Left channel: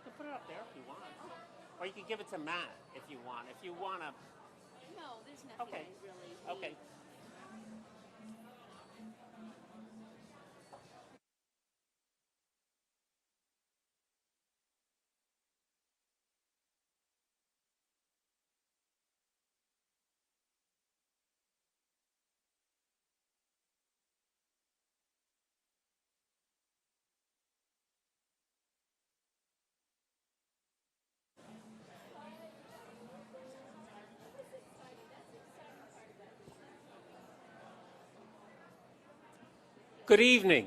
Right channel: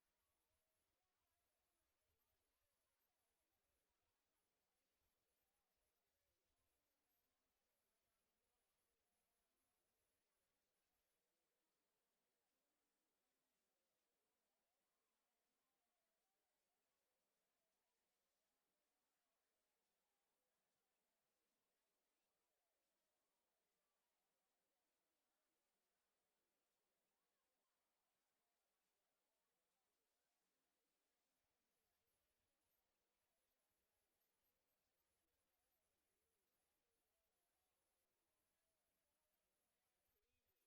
you can put it up there if you want. Or you can give it to Matt if you want. If you want to. No, there's nothing Okay. I really need. Okay. Good evening.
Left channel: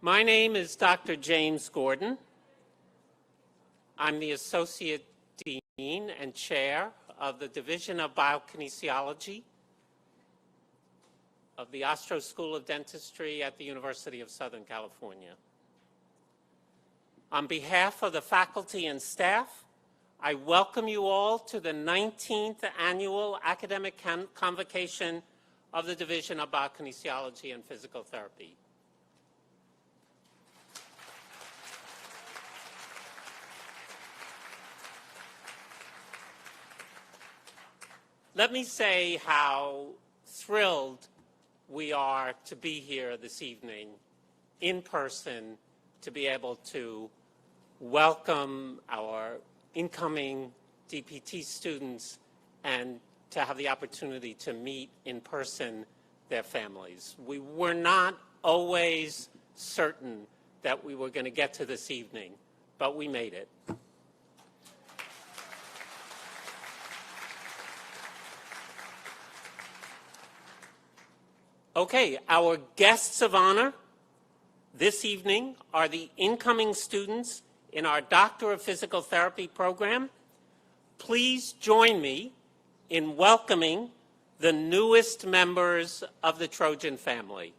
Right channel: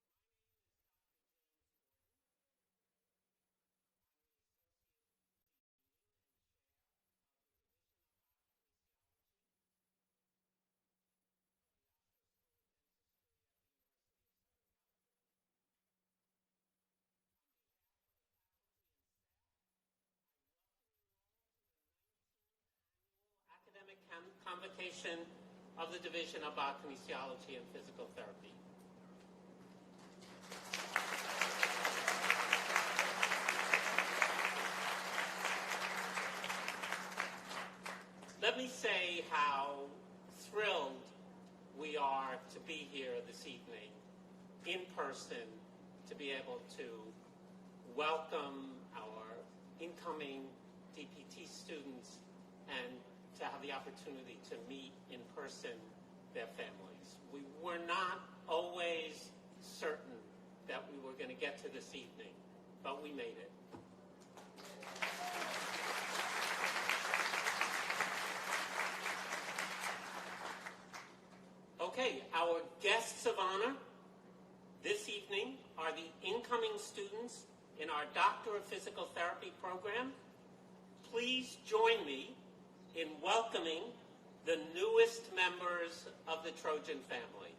My name is Dr. James Gordon. I'm the Associate Dean and Chair of the Division of Biokinesiology of the Ostrow School of Dentistry at the University of Southern California. On behalf of the faculty and staff, I welcome you all to the 19th Annual Academic Convocation of the Division of Biokinesiology and Physical Therapy. Let me say how thrilled we are to be here this evening in person to be able to welcome our incoming DPT students and to have the opportunity to meet in person their families. We were not always certain that we were going to get to this evening, but we made it. Okay, our guests of honor this evening are the incoming students in our Doctor of Physical Therapy program. Please join me in welcoming the newest members of the Trojan family.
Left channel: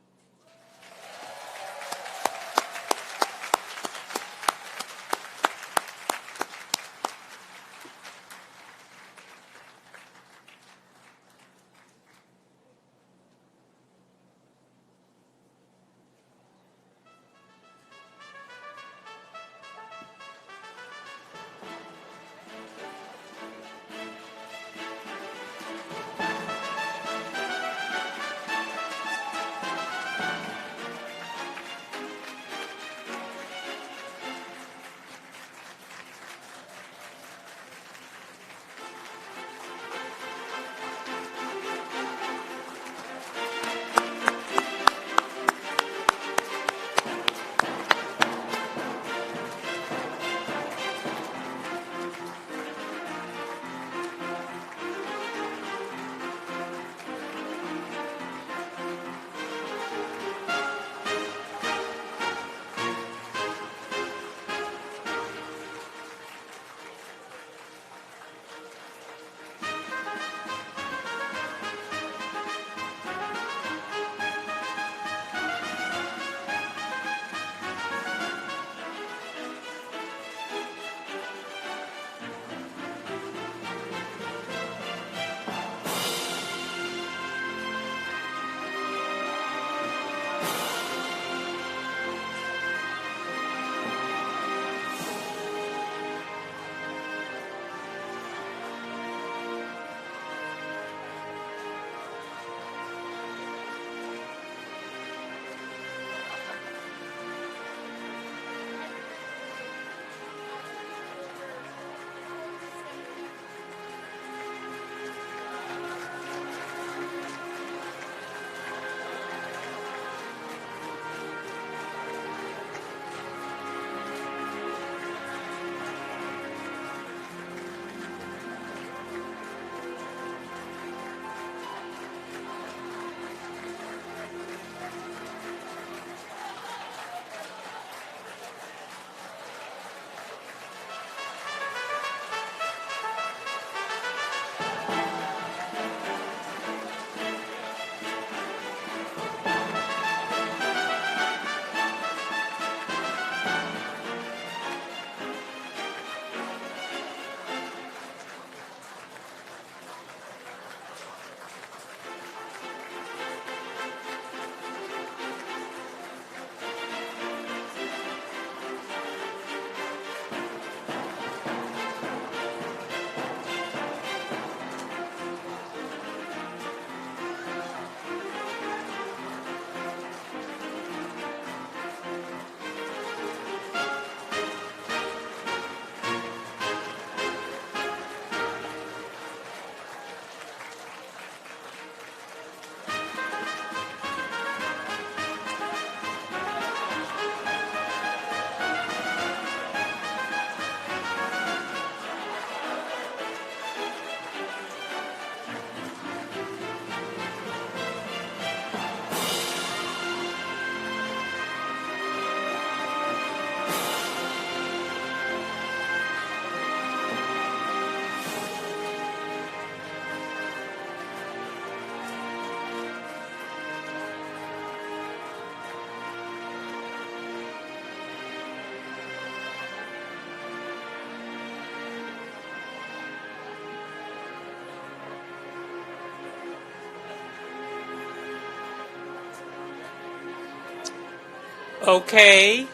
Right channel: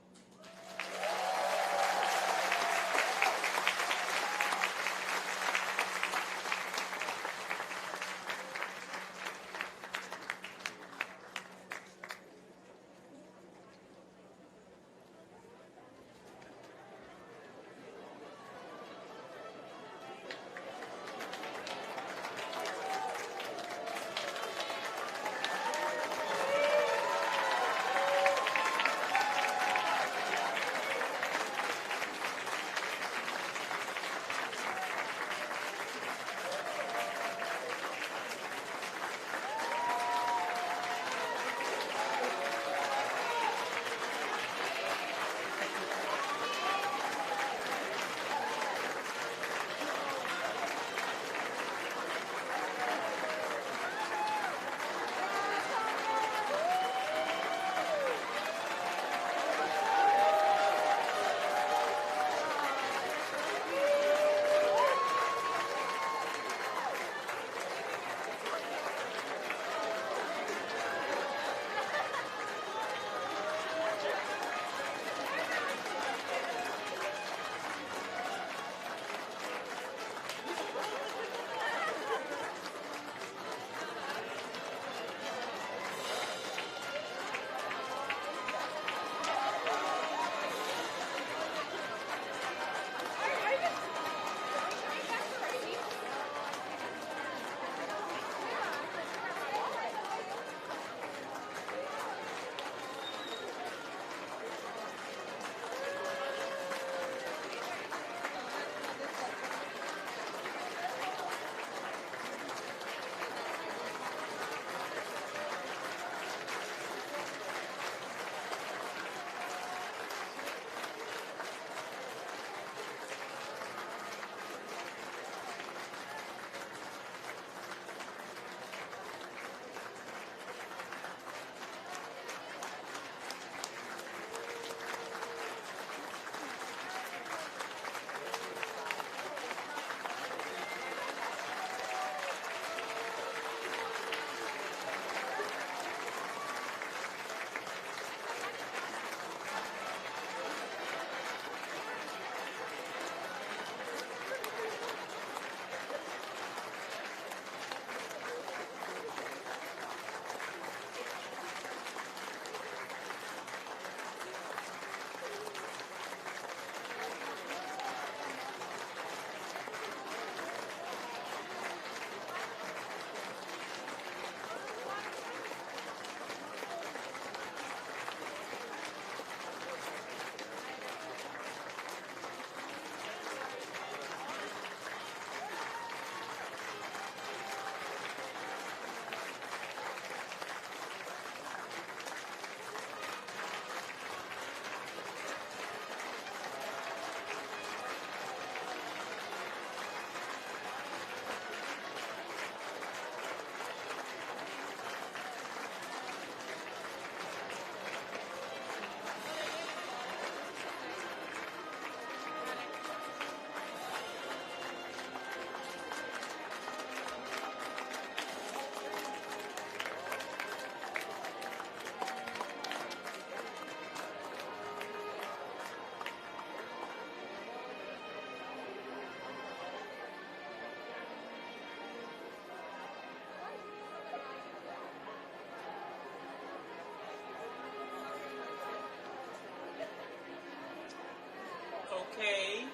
Okay.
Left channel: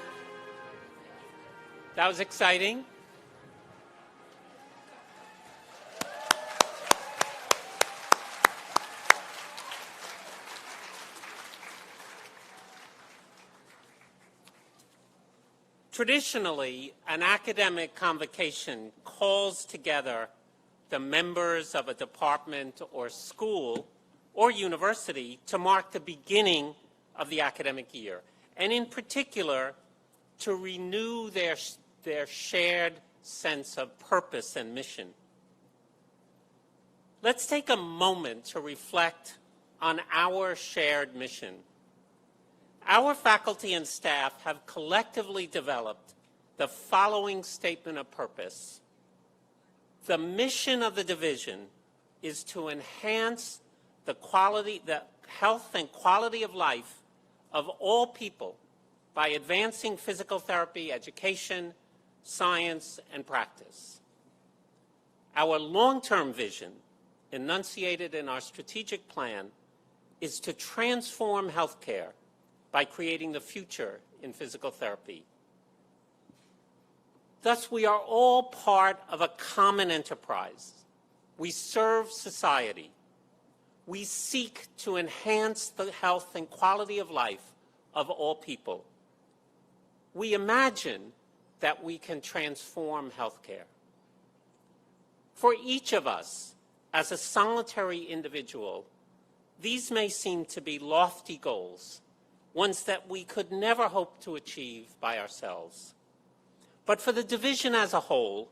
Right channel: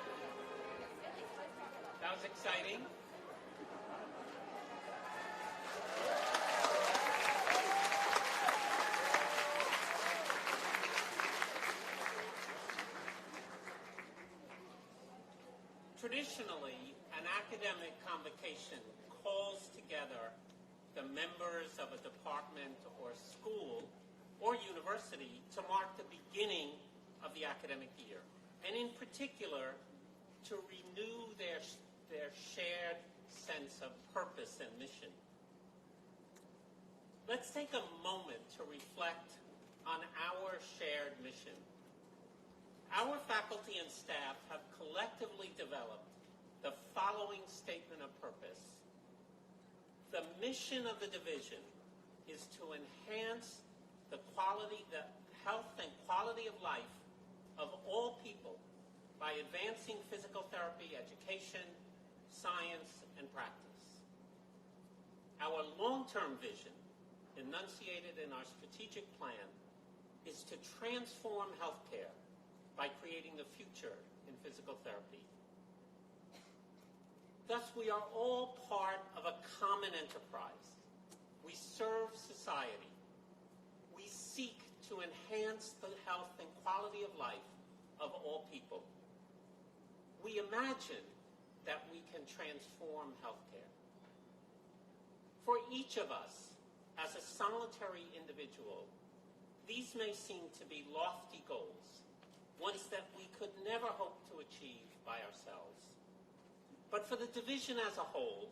That was exciting. Traditionally, an academic convocation calls together the members of a department or school or university to mark the beginning of the academic year, and in particular, to renew their shared sense of purpose and mission. Let's take a moment to reflect on our shared mission. Our faculty and staff have collectively developed the following statement of purpose. The mission of the division is to enhance the health and quality of life of all people by advancing physical therapy, education, science, and practice. Our long-term vision, enunciated in our strategic plan, is to transform healthcare by creating the future in physical therapy. Thus, we are all part of a common enterprise. We serve society. We seek to enhance the health and quality of life of all people. We imagine that we can transform healthcare. For each of us, as a solitary individual, these may seem to be lofty goals, ones that we could never hope to achieve by ourselves. But for the division as a whole,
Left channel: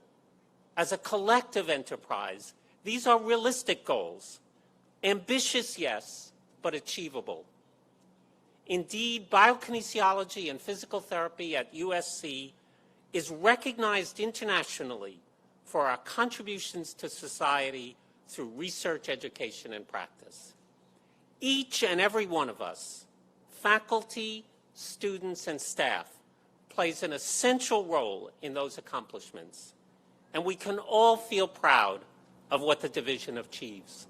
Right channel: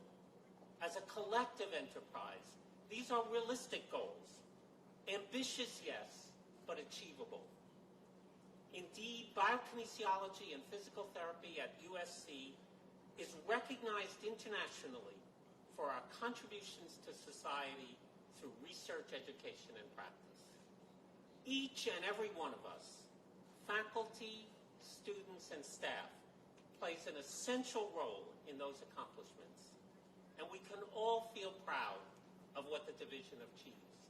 as a collective enterprise, these are realistic goals. Ambitious, yes, but achievable. Indeed, biokinesiology and physical therapy at USC is recognized internationally for our contributions to society through research, education, and practice. Each and every one of us, faculty, students, and staff, plays an essential role in those accomplishments, and we can all feel proud of what the division achieves.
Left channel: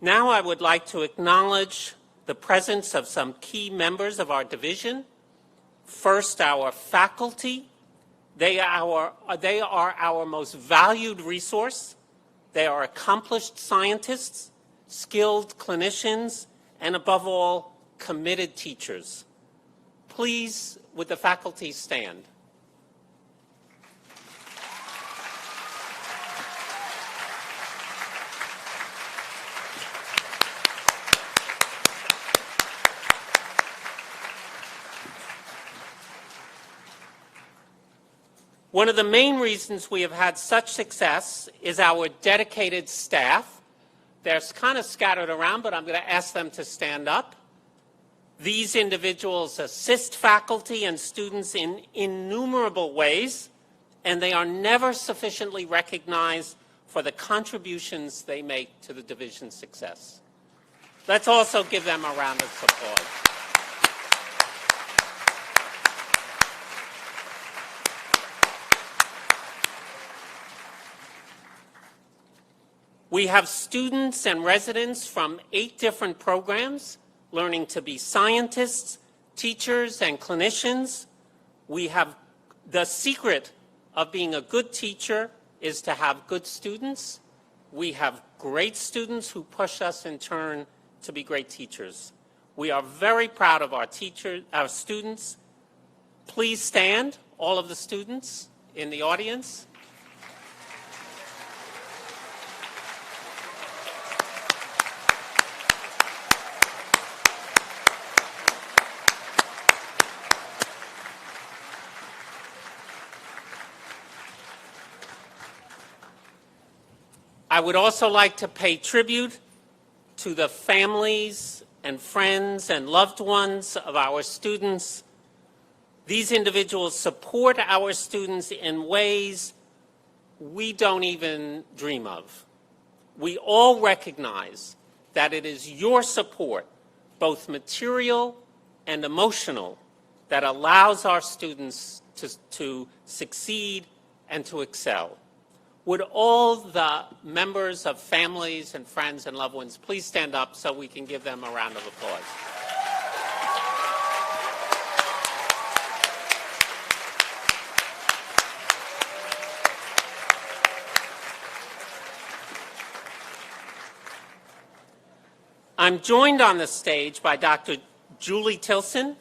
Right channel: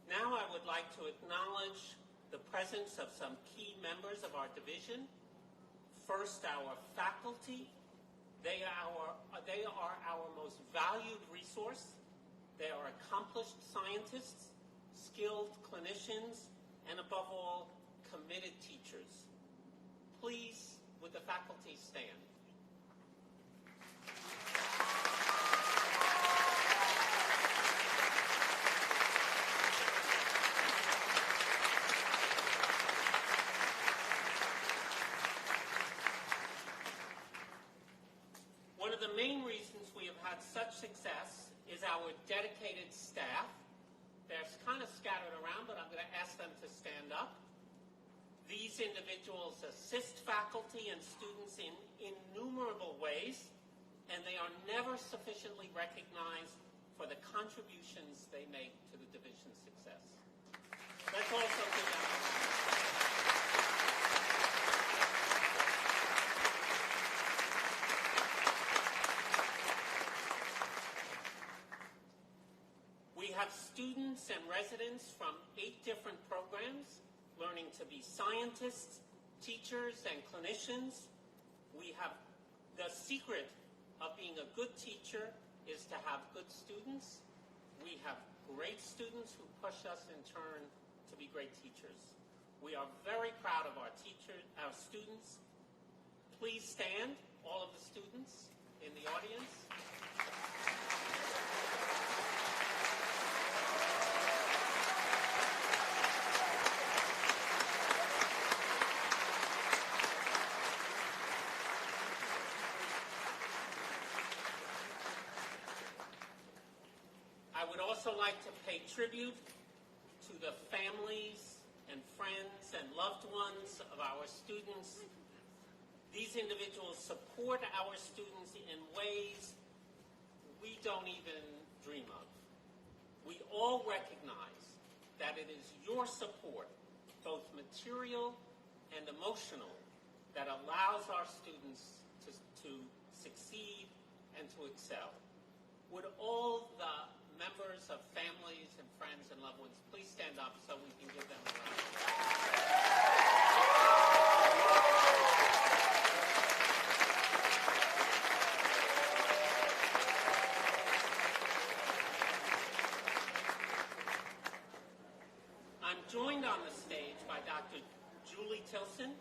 Now I would like to acknowledge the presence of some key members of our division. First, our faculty. They are our most valued resource. They are accomplished scientists, skilled clinicians, and above all, committed teachers. Please, would the faculty stand? One of the main reasons we have had such success is our dedicated staff. They're kind of scattered around, but I'm going to ask them to stand up. These individuals assist faculty and students in innumerable ways, and they are never sufficiently recognized for the contributions they make to the division's success. Let's also give them a round of applause. We have students and residents from 8 different programs learning to be scientists, teachers, and clinicians. We have the secret of being a good teacher is to have good students. We have great students who push us in turn to be great teachers. We are very proud of our students. Please stand, all of the students in the audience. I would also like to pay tribute to the families and friends and loved ones of our students. These individuals support our students in ways we don't even dream of. We all recognize that it is your support, both material and emotional, that allows our students to succeed and to excel. Would all the members of families and friends and loved ones please stand up so we can give them a round of applause? I'm joined on the stage by Dr. Julie Tilson,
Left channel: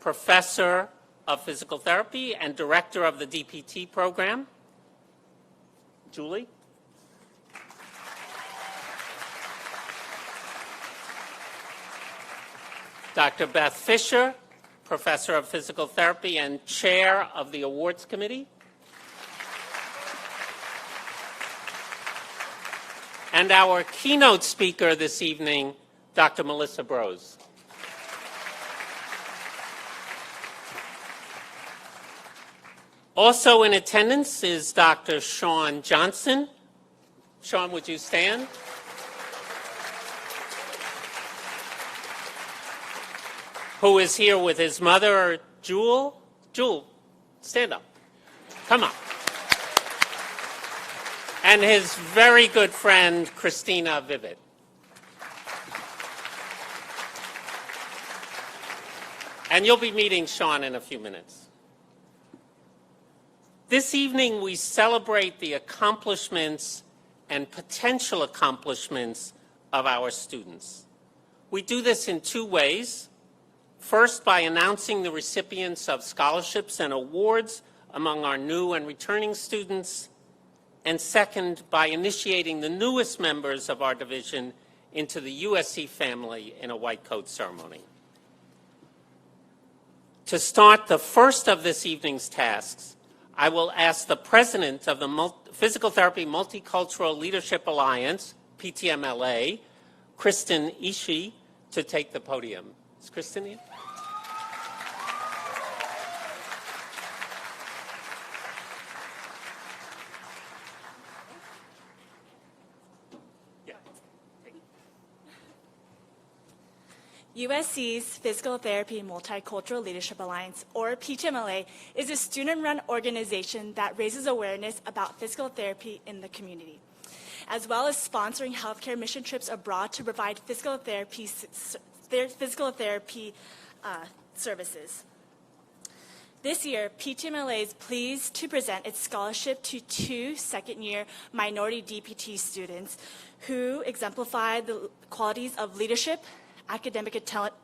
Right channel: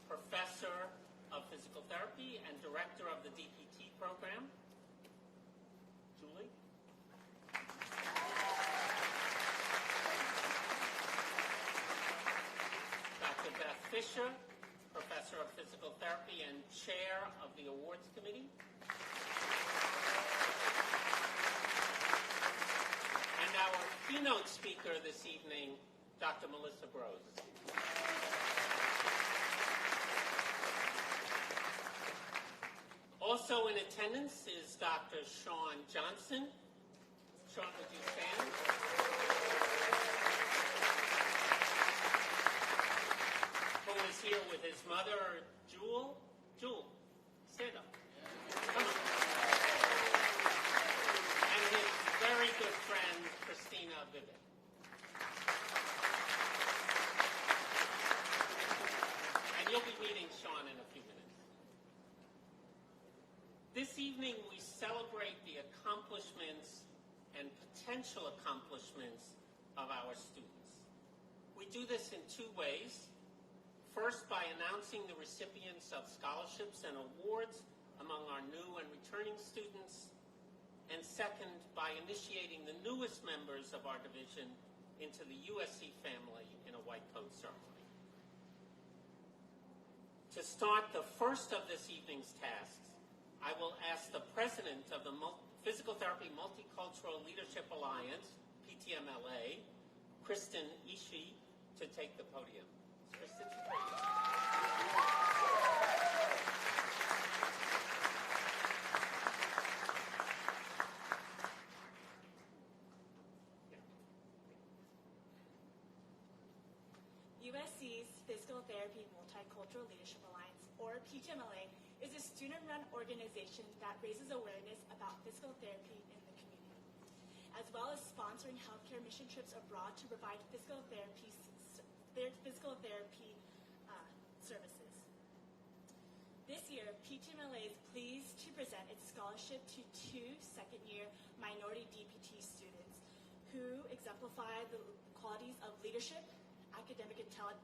Professor of Physical Therapy and Director of the DPT program. Julie? Dr. Beth Fisher, Professor of Physical Therapy and Chair of the Awards Committee. And our keynote speaker this evening, Dr. Melissa Brose. Also in attendance is Dr. Sean Johnson. Sean, would you stand? Who is here with his mother, Jewel. Jewel, stand up. Come on. And his very good friend, Christina Vivid. And you'll be meeting Sean in a few minutes. This evening, we celebrate the accomplishments and potential accomplishments of our students. We do this in two ways. First, by announcing the recipients of scholarships and awards among our new and returning students, and second, by initiating the newest members of our division into the USC family in a white coat ceremony. To start the first of this evening's tasks, I will ask the president of the Physical Therapy Multicultural Leadership Alliance, PTMLA, Kristen Ishii, to take the podium. Is Kristen here? USC's Physical Therapy Multicultural Leadership Alliance, or PTMLA, is a student-run organization that raises awareness about physical therapy in the community, as well as sponsoring healthcare mission trips abroad to provide physical therapy services. This year, PTMLA is pleased to present its scholarship to two second-year minority DPT students who exemplify the qualities of leadership, academic excellence,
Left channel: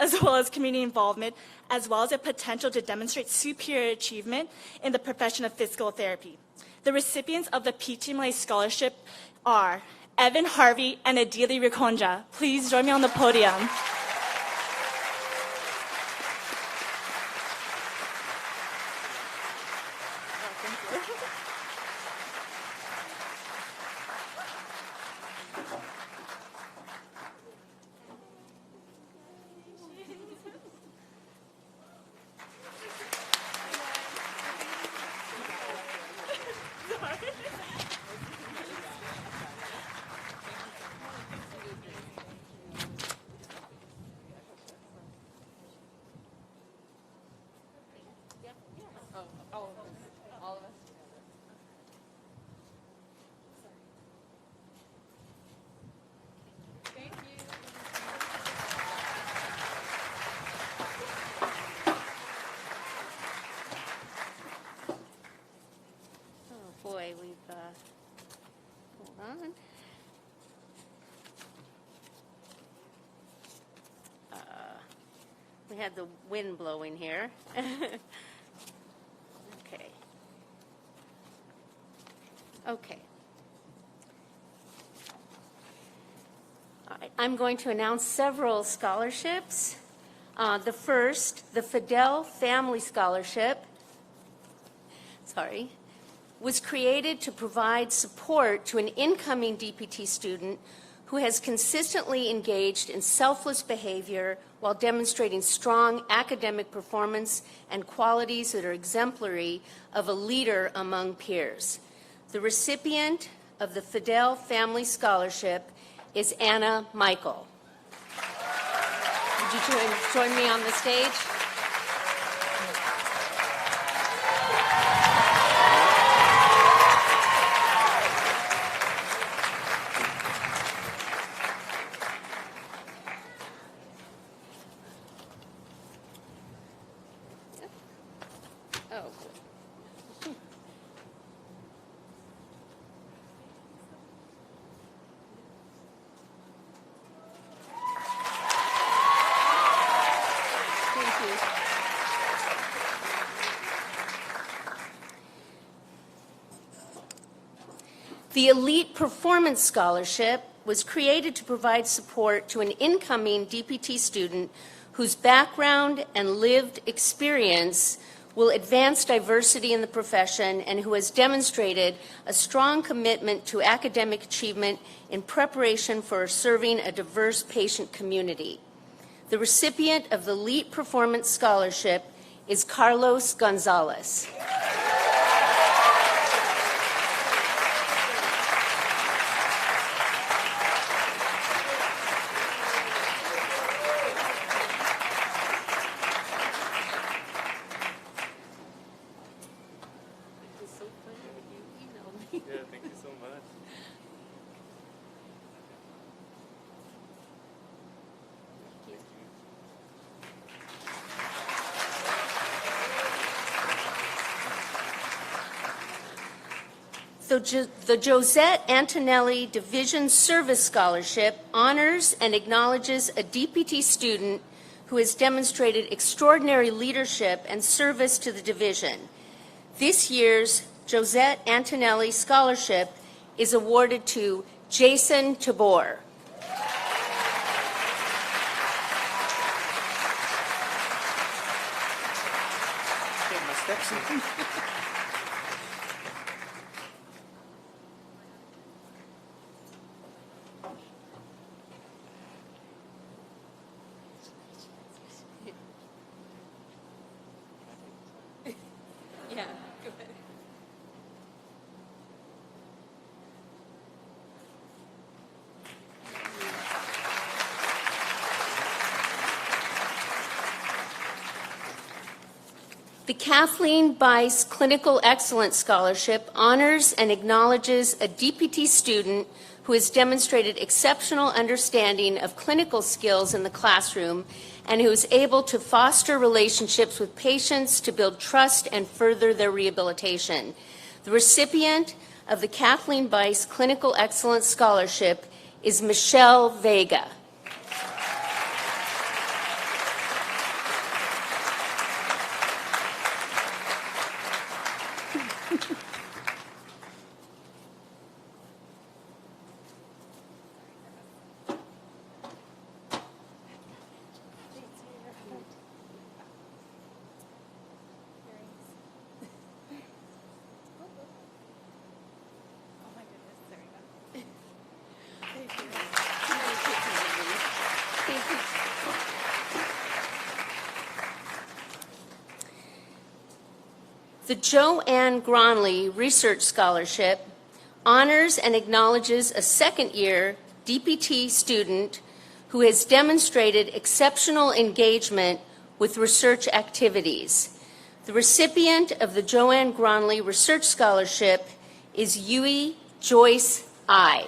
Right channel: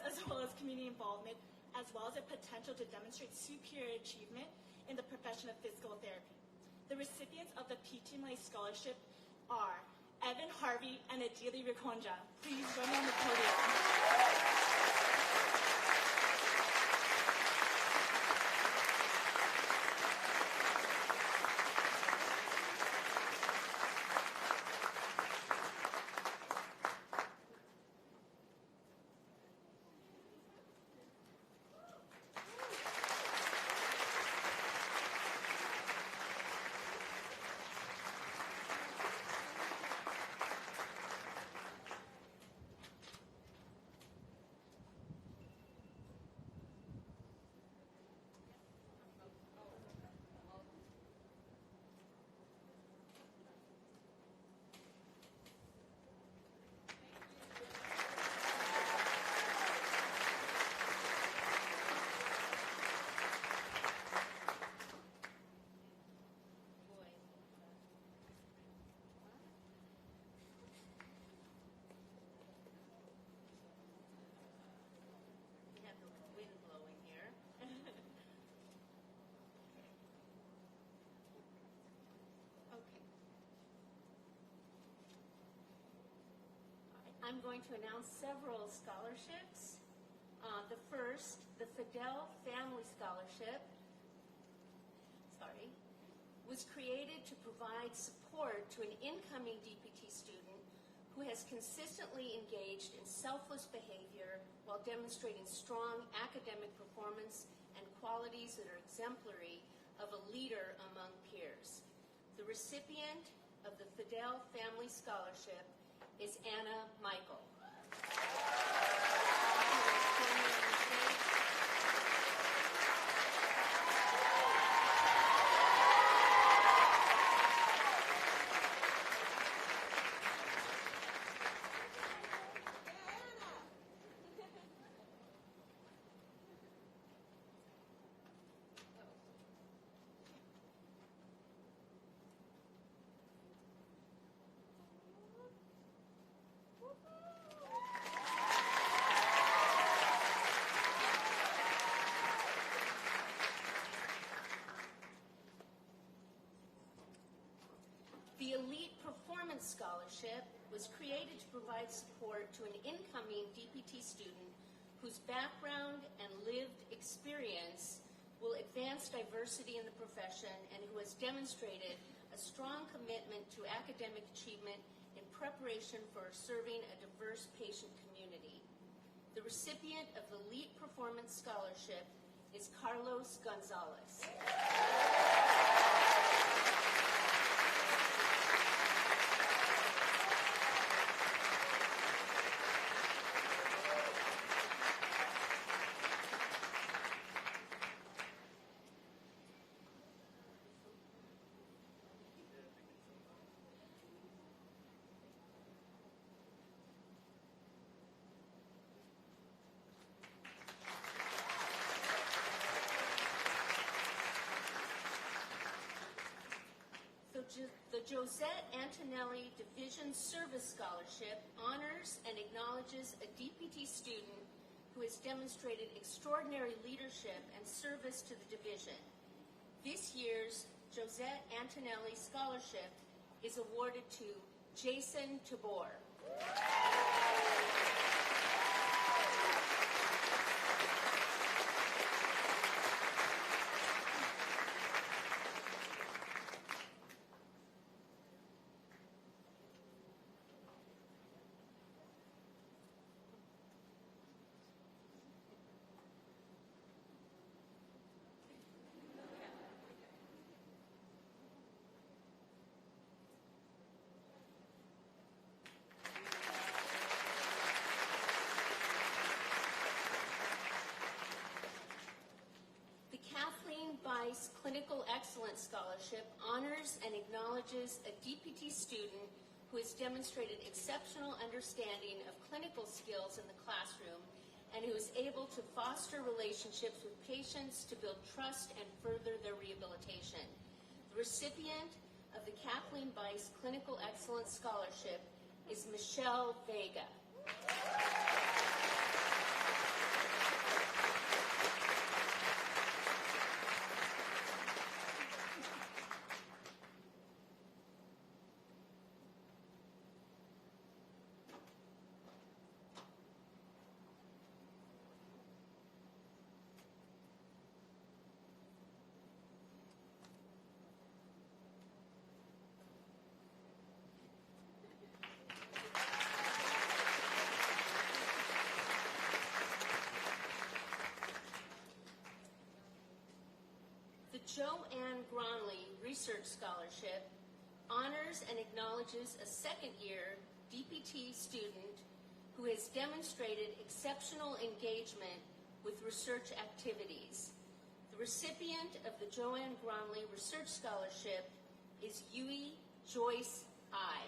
as well as community involvement, as well as a potential to demonstrate superior achievement in the profession of physical therapy. The recipients of the PTMLA scholarship are Evan Harvey and Adili Rikonja. Please join me on the podium. Hold on. We had the wind blowing here. Okay. All right. I'm going to announce several scholarships. The first, the Fidel Family Scholarship, was created to provide support to an incoming DPT student who has consistently engaged in selfless behavior while demonstrating strong academic performance and qualities that are exemplary of a leader among peers. The recipient of the Fidel Family Scholarship is Anna Michael. Would you join me on the stage? The Elite Performance Scholarship was created to provide support to an incoming DPT student whose background and lived experience will advance diversity in the profession and who has demonstrated a strong commitment to academic achievement in preparation for serving a diverse patient community. The recipient of the Elite Performance Scholarship is Carlos Gonzalez. Yeah, thank you so much. The Josette Antonelli Division Service Scholarship honors and acknowledges a DPT student who has demonstrated extraordinary leadership and service to the division. This year's Josette Antonelli Scholarship is awarded to Jason Tabor. Okay, my steps. Yeah, go ahead. The Kathleen Bice Clinical Excellence Scholarship honors and acknowledges a DPT student who has demonstrated exceptional understanding of clinical skills in the classroom and who is able to foster relationships with patients to build trust and further their rehabilitation. The recipient of the Kathleen Bice Clinical Excellence Scholarship is Michelle Vega. The Joanne Gronley Research Scholarship honors and acknowledges a second-year DPT student who has demonstrated exceptional engagement with research activities. The recipient of the Joanne Gronley Research Scholarship is Yui Joyce I.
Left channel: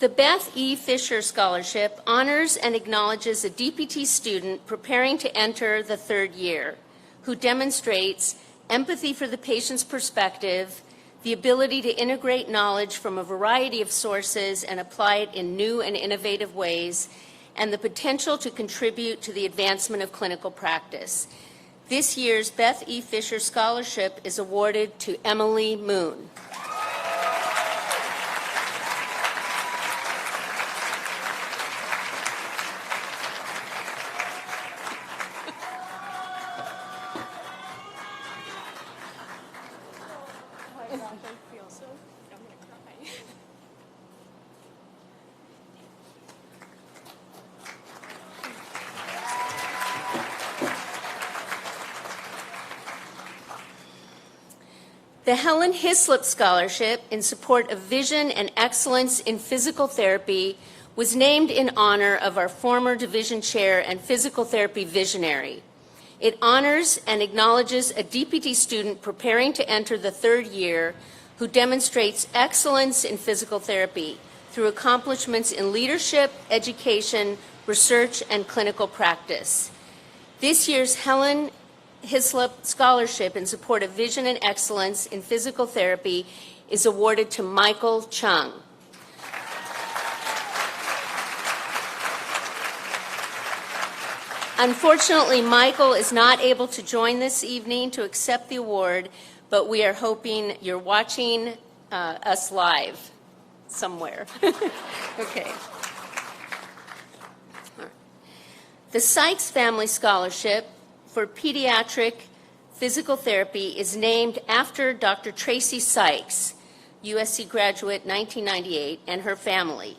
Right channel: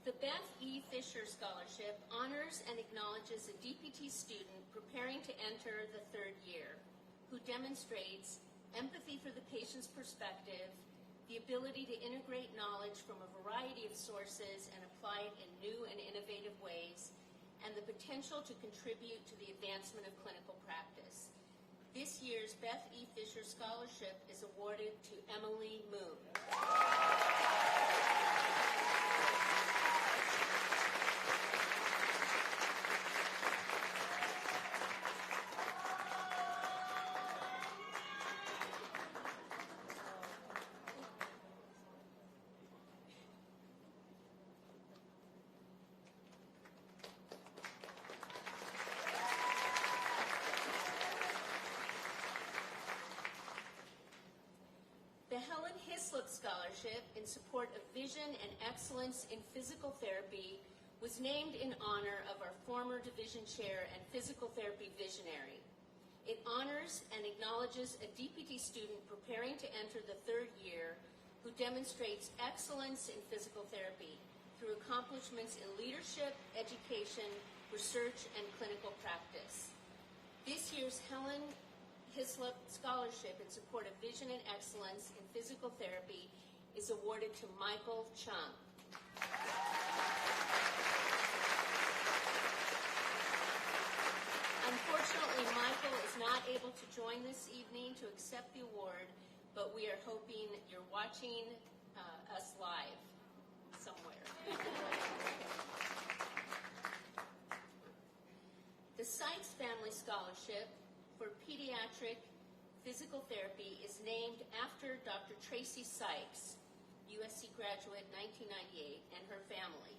The Beth E. Fisher Scholarship honors and acknowledges a DPT student preparing to enter the third year who demonstrates empathy for the patient's perspective, the ability to integrate knowledge from a variety of sources and apply it in new and innovative ways, and the potential to contribute to the advancement of clinical practice. This year's Beth E. Fisher Scholarship is awarded to Emily Moon. The Helen Hislop Scholarship in support of vision and excellence in physical therapy was named in honor of our former division chair and physical therapy visionary. It honors and acknowledges a DPT student preparing to enter the third year who demonstrates excellence in physical therapy through accomplishments in leadership, education, research, and clinical practice. This year's Helen Hislop Scholarship in support of vision and excellence in physical therapy is awarded to Michael Chung. Unfortunately, Michael is not able to join this evening to accept the award, but we are hoping you're watching us live somewhere. Okay. The Sykes Family Scholarship for Pediatric Physical Therapy is named after Dr. Tracy Sykes, USC graduate 1998, and her family.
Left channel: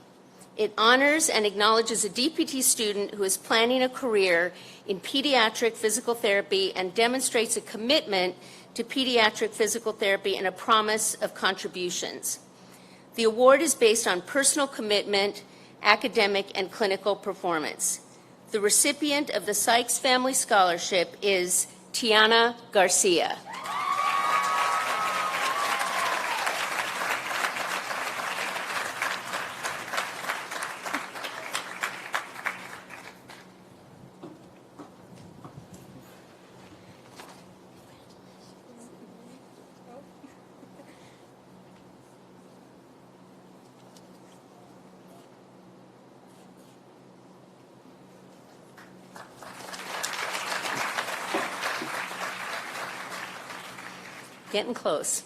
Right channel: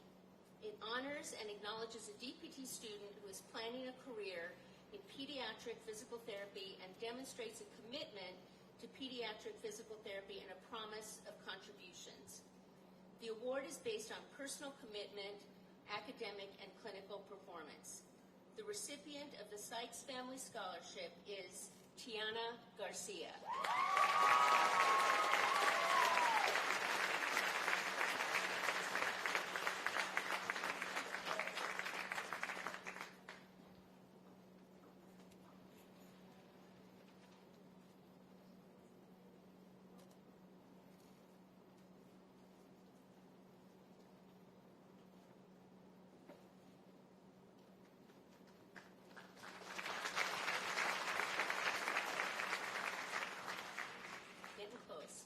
It honors and acknowledges a DPT student who is planning a career in pediatric physical therapy and demonstrates a commitment to pediatric physical therapy and a promise of contributions. The award is based on personal commitment, academic, and clinical performance. The recipient of the Sykes Family Scholarship is Tiana Garcia. Getting close.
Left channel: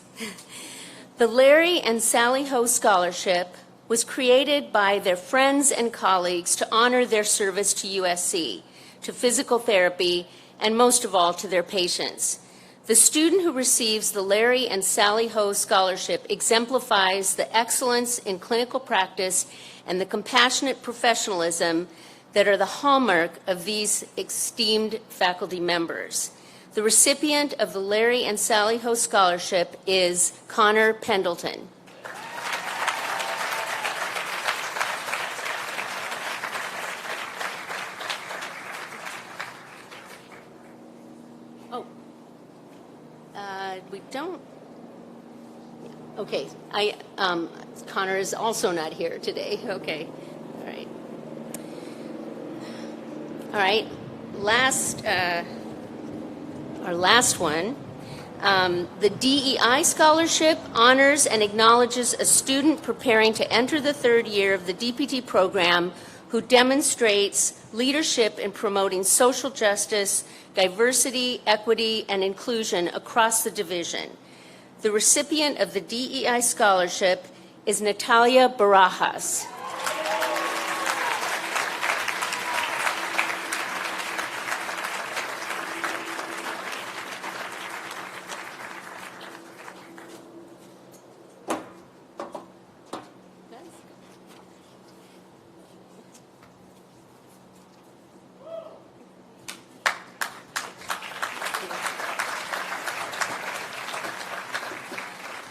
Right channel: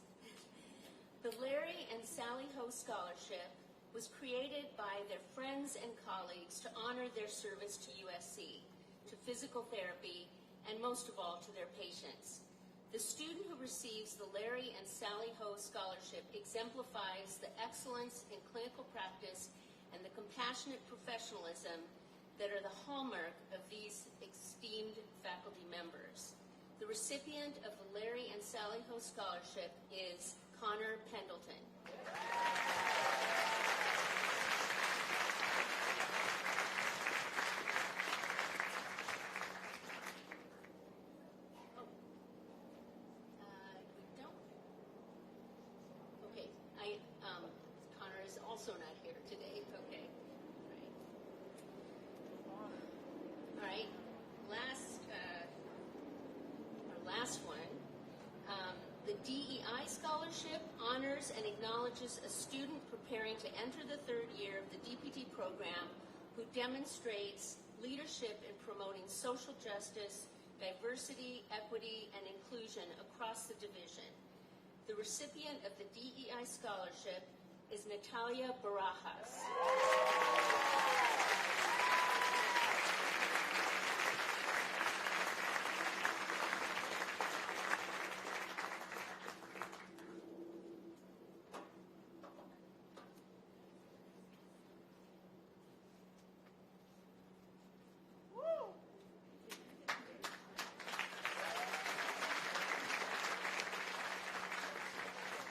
The Larry and Sally Ho Scholarship was created by their friends and colleagues to honor their service to USC, to physical therapy, and most of all to their patients. The student who receives the Larry and Sally Ho Scholarship exemplifies the excellence in clinical practice and the compassionate professionalism that are the hallmark of these esteemed faculty members. The recipient of the Larry and Sally Ho Scholarship is Connor Pendleton. Oh, we don't. Okay, Connor is also not here today. Okay, all right. All right, our last one, the DEI Scholarship honors and acknowledges a student preparing to enter the third year of the DPT program who demonstrates leadership in promoting social justice, diversity, equity, and inclusion across the division. The recipient of the DEI Scholarship is Natalia Barajas.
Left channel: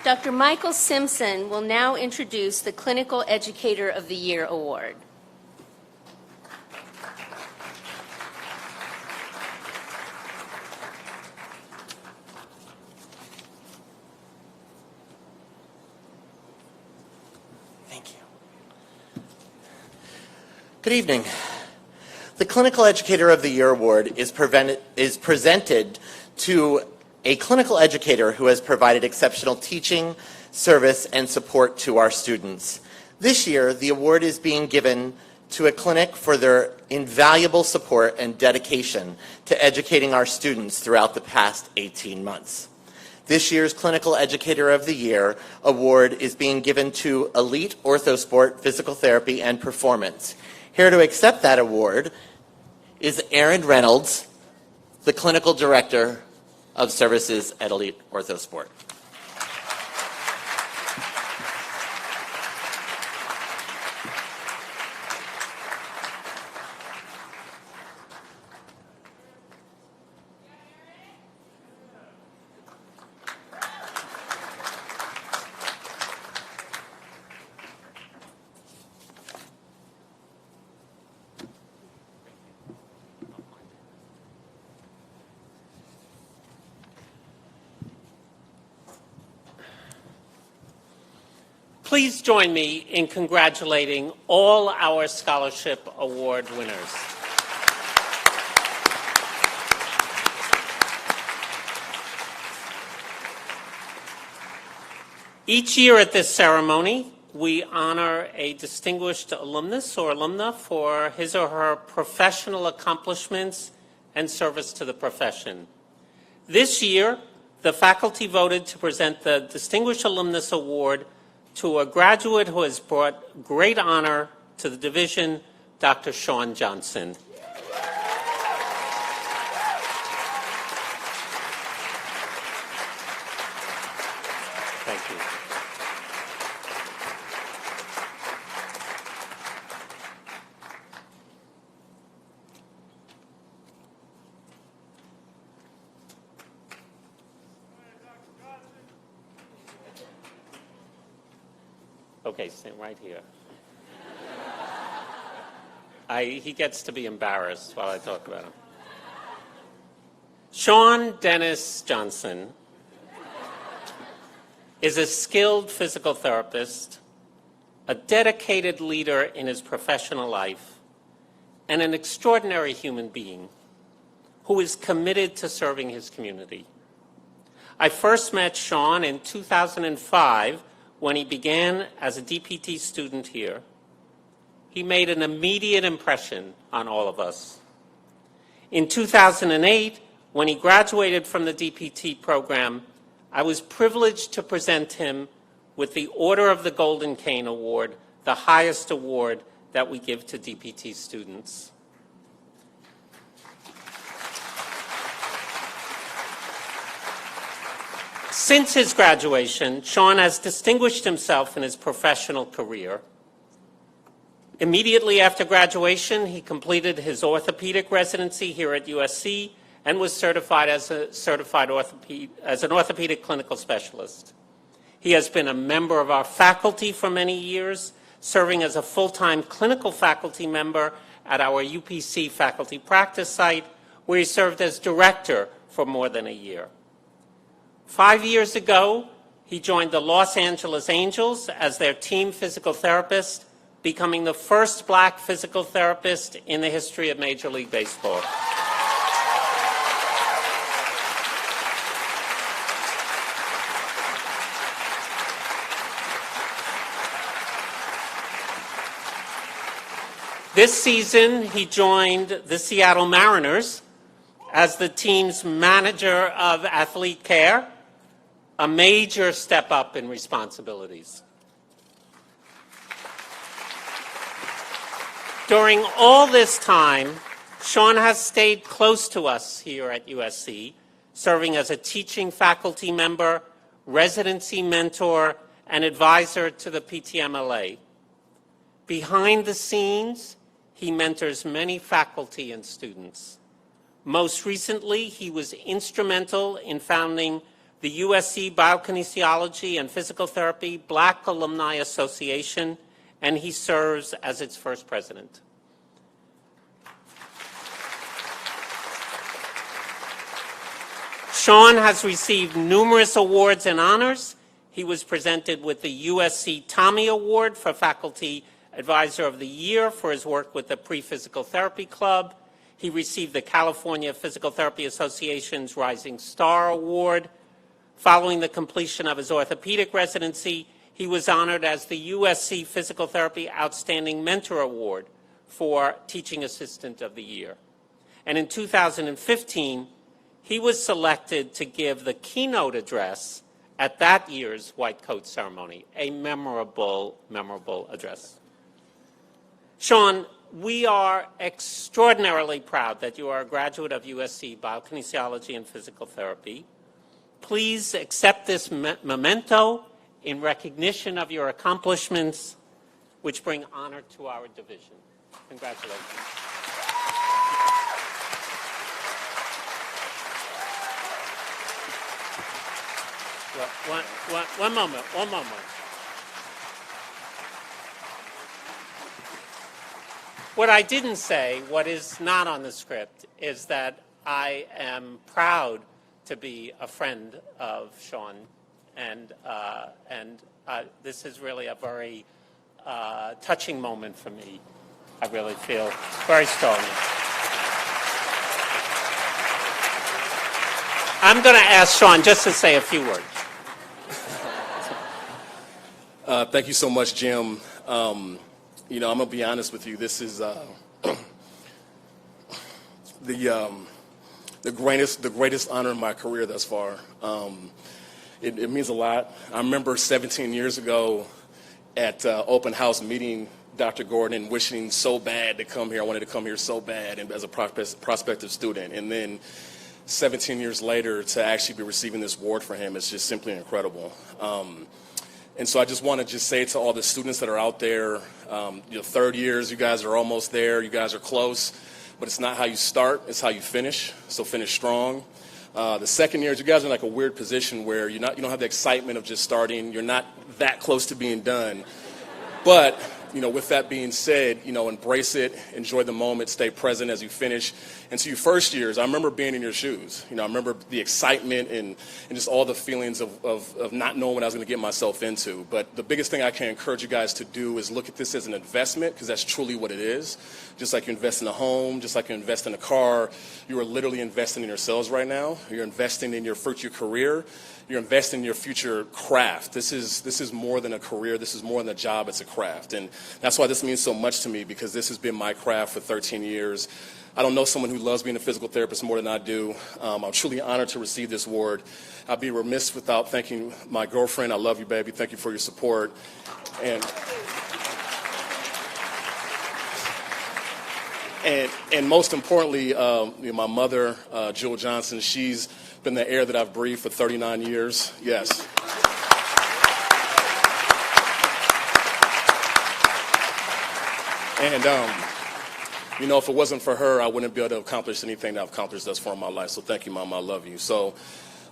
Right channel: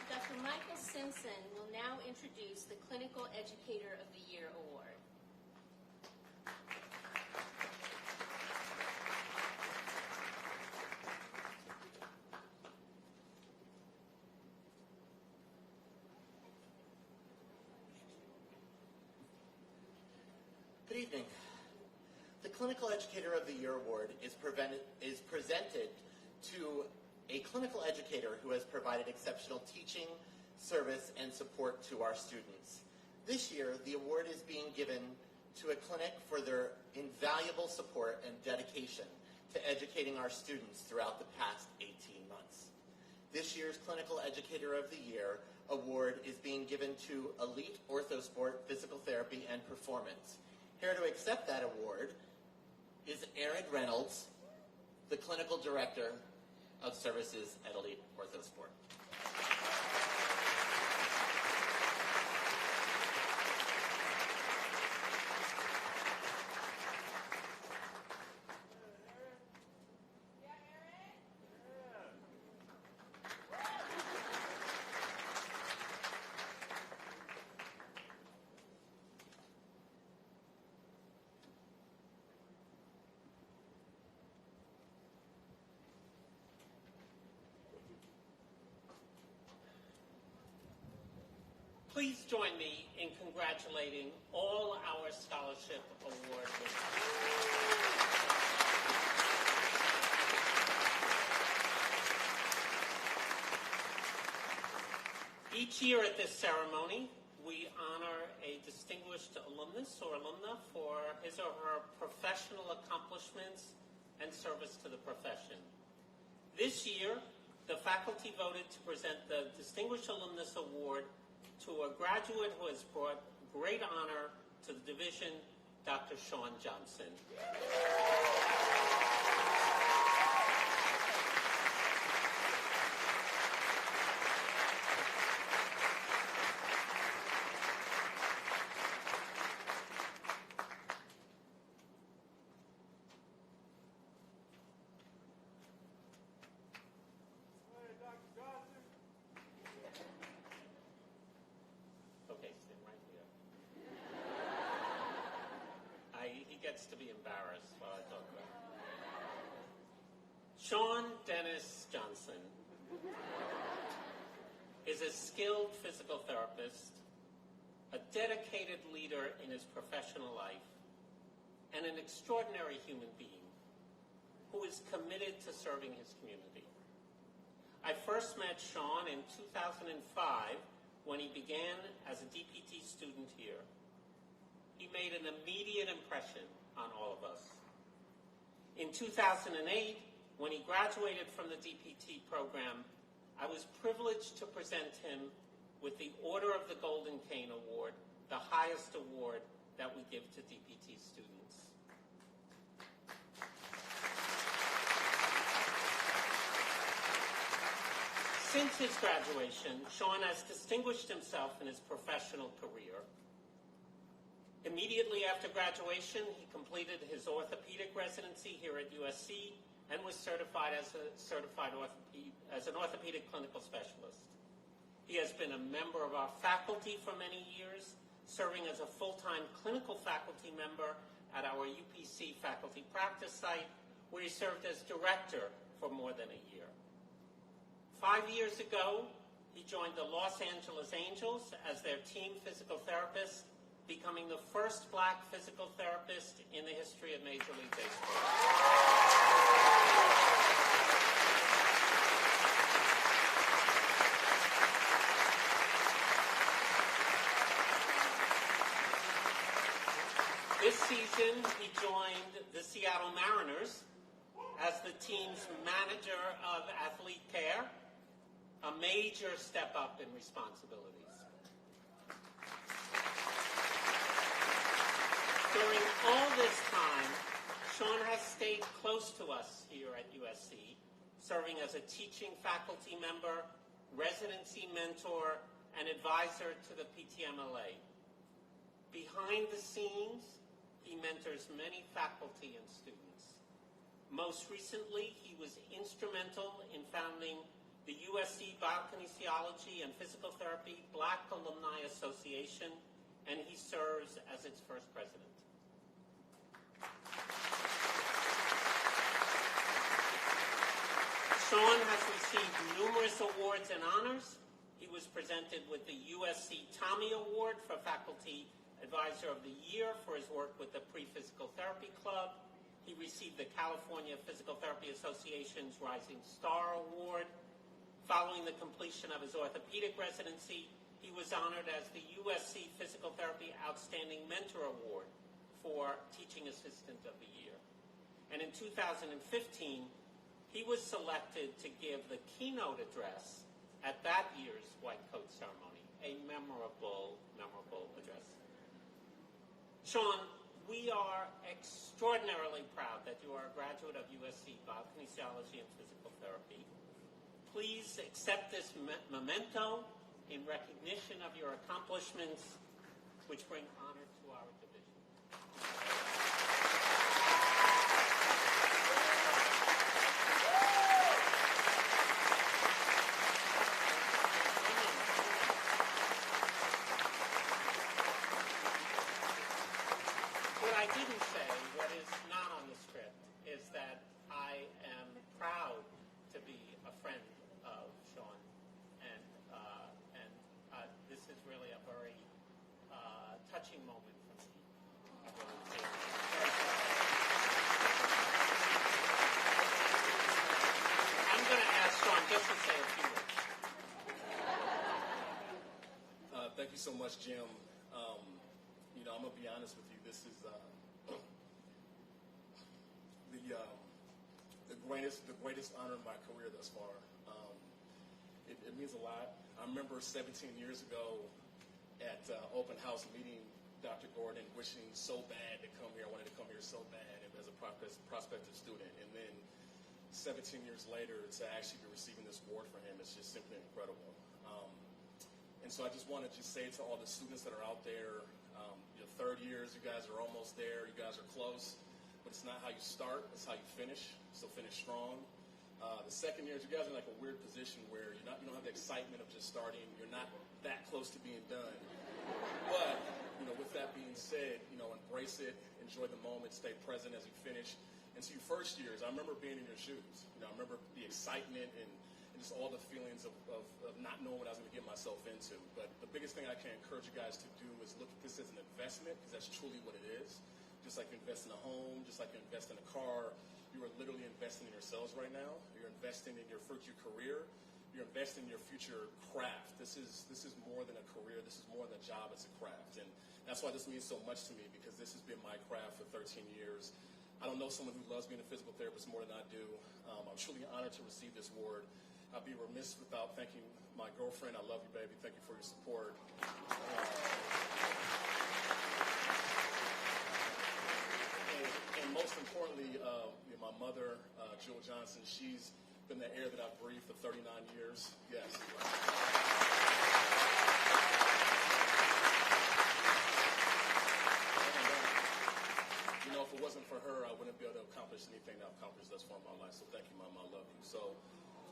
Dr. Michael Simpson will now introduce the Clinical Educator of the Year Award. Thank you. Good evening. The Clinical Educator of the Year Award is presented to a clinical educator who has provided exceptional teaching, service, and support to our students. This year, the award is being given to a clinic for their invaluable support and dedication to educating our students throughout the past 18 months. This year's Clinical Educator of the Year award is being given to Elite Orthosport Physical Therapy and Performance. Here to accept that award is Aaron Reynolds, the Clinical Director of Services at Elite Orthosport. Please join me in congratulating all our scholarship award winners. Each year at this ceremony, we honor a distinguished alumnus or alumna for his or her professional accomplishments and service to the profession. This year, the faculty voted to present the Distinguished Alumnus Award to a graduate who has brought great honor to the division, Dr. Sean Johnson. Thank you. Okay, stand right here. He gets to be embarrassed while I talk about him. Sean Dennis Johnson is a skilled physical therapist, a dedicated leader in his professional life, and an extraordinary human being who is committed to serving his community. I first met Sean in 2005 when he began as a DPT student here. He made an immediate impression on all of us. In 2008, when he graduated from the DPT program, I was privileged to present him with the Order of the Golden Cane Award, the highest award that we give to DPT students. Since his graduation, Sean has distinguished himself in his professional career. Immediately after graduation, he completed his orthopedic residency here at USC and was certified as an orthopedic clinical specialist. He has been a member of our faculty for many years, serving as a full-time clinical faculty member at our UPC faculty practice site, where he served as director for more than a year. 5 years ago, he joined the Los Angeles Angels as their team physical therapist, becoming the first black physical therapist in the history of Major League Baseball. This season, he joined the Seattle Mariners as the team's manager of athlete care, a major step up in responsibilities. During all this time, Sean has stayed close to us here at USC, serving as a teaching faculty member, residency mentor, and advisor to the PTMLA. Behind the scenes, he mentors many faculty and students. Most recently, he was instrumental in founding the USC Biokinesiology and Physical Therapy Black Alumni Association, and he serves as its first president. Sean has received numerous awards and honors. He was presented with the USC Tommy Award for Faculty Advisor of the Year for his work with the Pre-Physical Therapy Club. He received the California Physical Therapy Association's Rising Star Award. Following the completion of his orthopedic residency, he was honored as the USC Physical Therapy Outstanding Mentor Award for Teaching Assistant of the Year. And in 2015, he was selected to give the keynote address at that year's White Coat ceremony, a memorable, memorable address. Sean, we are extraordinarily proud that you are a graduate of USC Biokinesiology and Physical Therapy. Please accept this memento in recognition of your accomplishments, which bring honor to our division. Congratulations. One moment. What I didn't say, what is not on the script, is that I am proud to be a friend of Sean and This is really a very touching moment for me. I really feel very strongly. I'm going to ask Sean just to say a few words. Thank you so much, Jim. I'm going to be honest with you. This is the greatest honor in my career thus far. It means a lot. I remember 17 years ago at open house meeting Dr. Gordon and wishing so bad to come here. I wanted to come here so bad and as a prospective student. And then 17 years later to actually be receiving this award for him is just simply incredible. And so I just want to just say to all the students that are out there, your third years, you guys are almost there, you guys are close, but it's not how you start, it's how you finish, so finish strong. The second years, you guys are in like a weird position where you don't have the excitement of just starting, you're not that close to being done, but with that being said, embrace it, enjoy the moment, stay present as you finish. And so your first years, I remember being in your shoes. I remember the excitement and just all the feelings of not knowing what I was going to get myself into. But the biggest thing I can encourage you guys to do is look at this as an investment, because that's truly what it is. Just like you invest in a home, just like you invest in a car, you are literally investing in yourselves right now. You're investing in your future career. You're investing in your future craft. This is more than a career. This is more than a job. It's a craft. And that's why this means so much to me, because this has been my craft for 13 years. I don't know someone who loves being a physical therapist more than I do. I'm truly honored to receive this award. I'd be remiss without thanking my girlfriend. I love you, baby. Thank you for your support. And most importantly, my mother, Jewel Johnson, she's been the air that I've breathed for 39 years. Yes. And, if it wasn't for her, I wouldn't be able to accomplish anything that I've accomplished thus far in my life. So thank you, Mama. I love you. So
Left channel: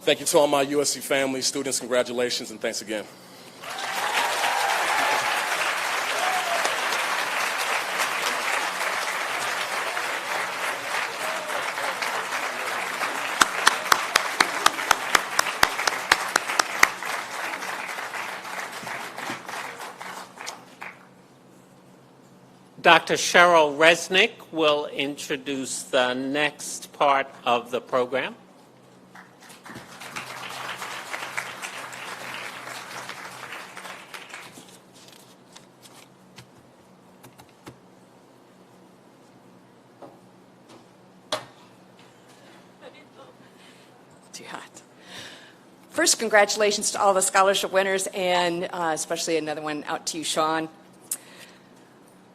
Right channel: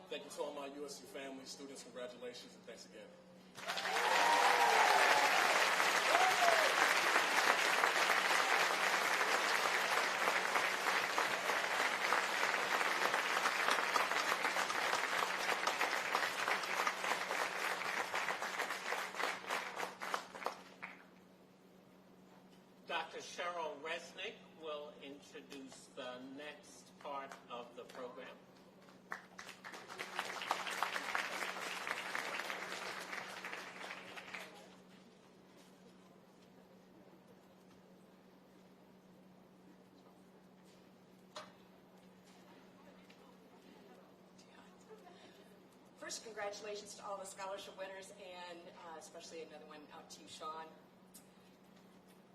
thank you to all my USC family, students. Congratulations, and thanks again. Dr. Cheryl Resnick will introduce the next part of the program. Too hot. First, congratulations to all the scholarship winners, and especially another one out to you, Sean.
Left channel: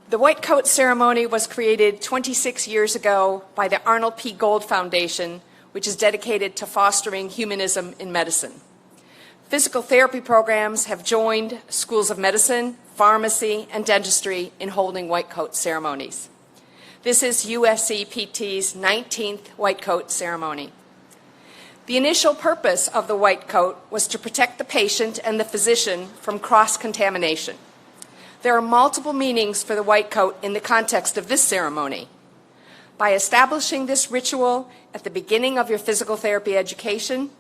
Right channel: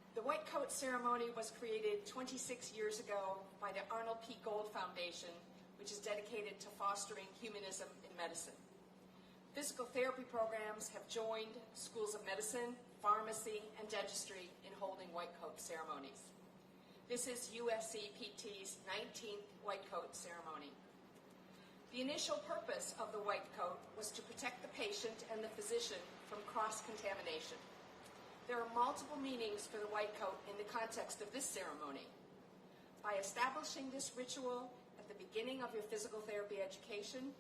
The White Coat Ceremony was created 26 years ago by the Arnold P. Gold Foundation, which is dedicated to fostering humanism in medicine. Physical therapy programs have joined schools of medicine, pharmacy, and dentistry in holding White Coat ceremonies. This is USC PT's 19th White Coat Ceremony. The initial purpose of the White Coat was to protect the patient and the physician from cross-contamination. There are multiple meanings for the white coat in the context of this ceremony. By establishing this ritual at the beginning of your physical therapy education,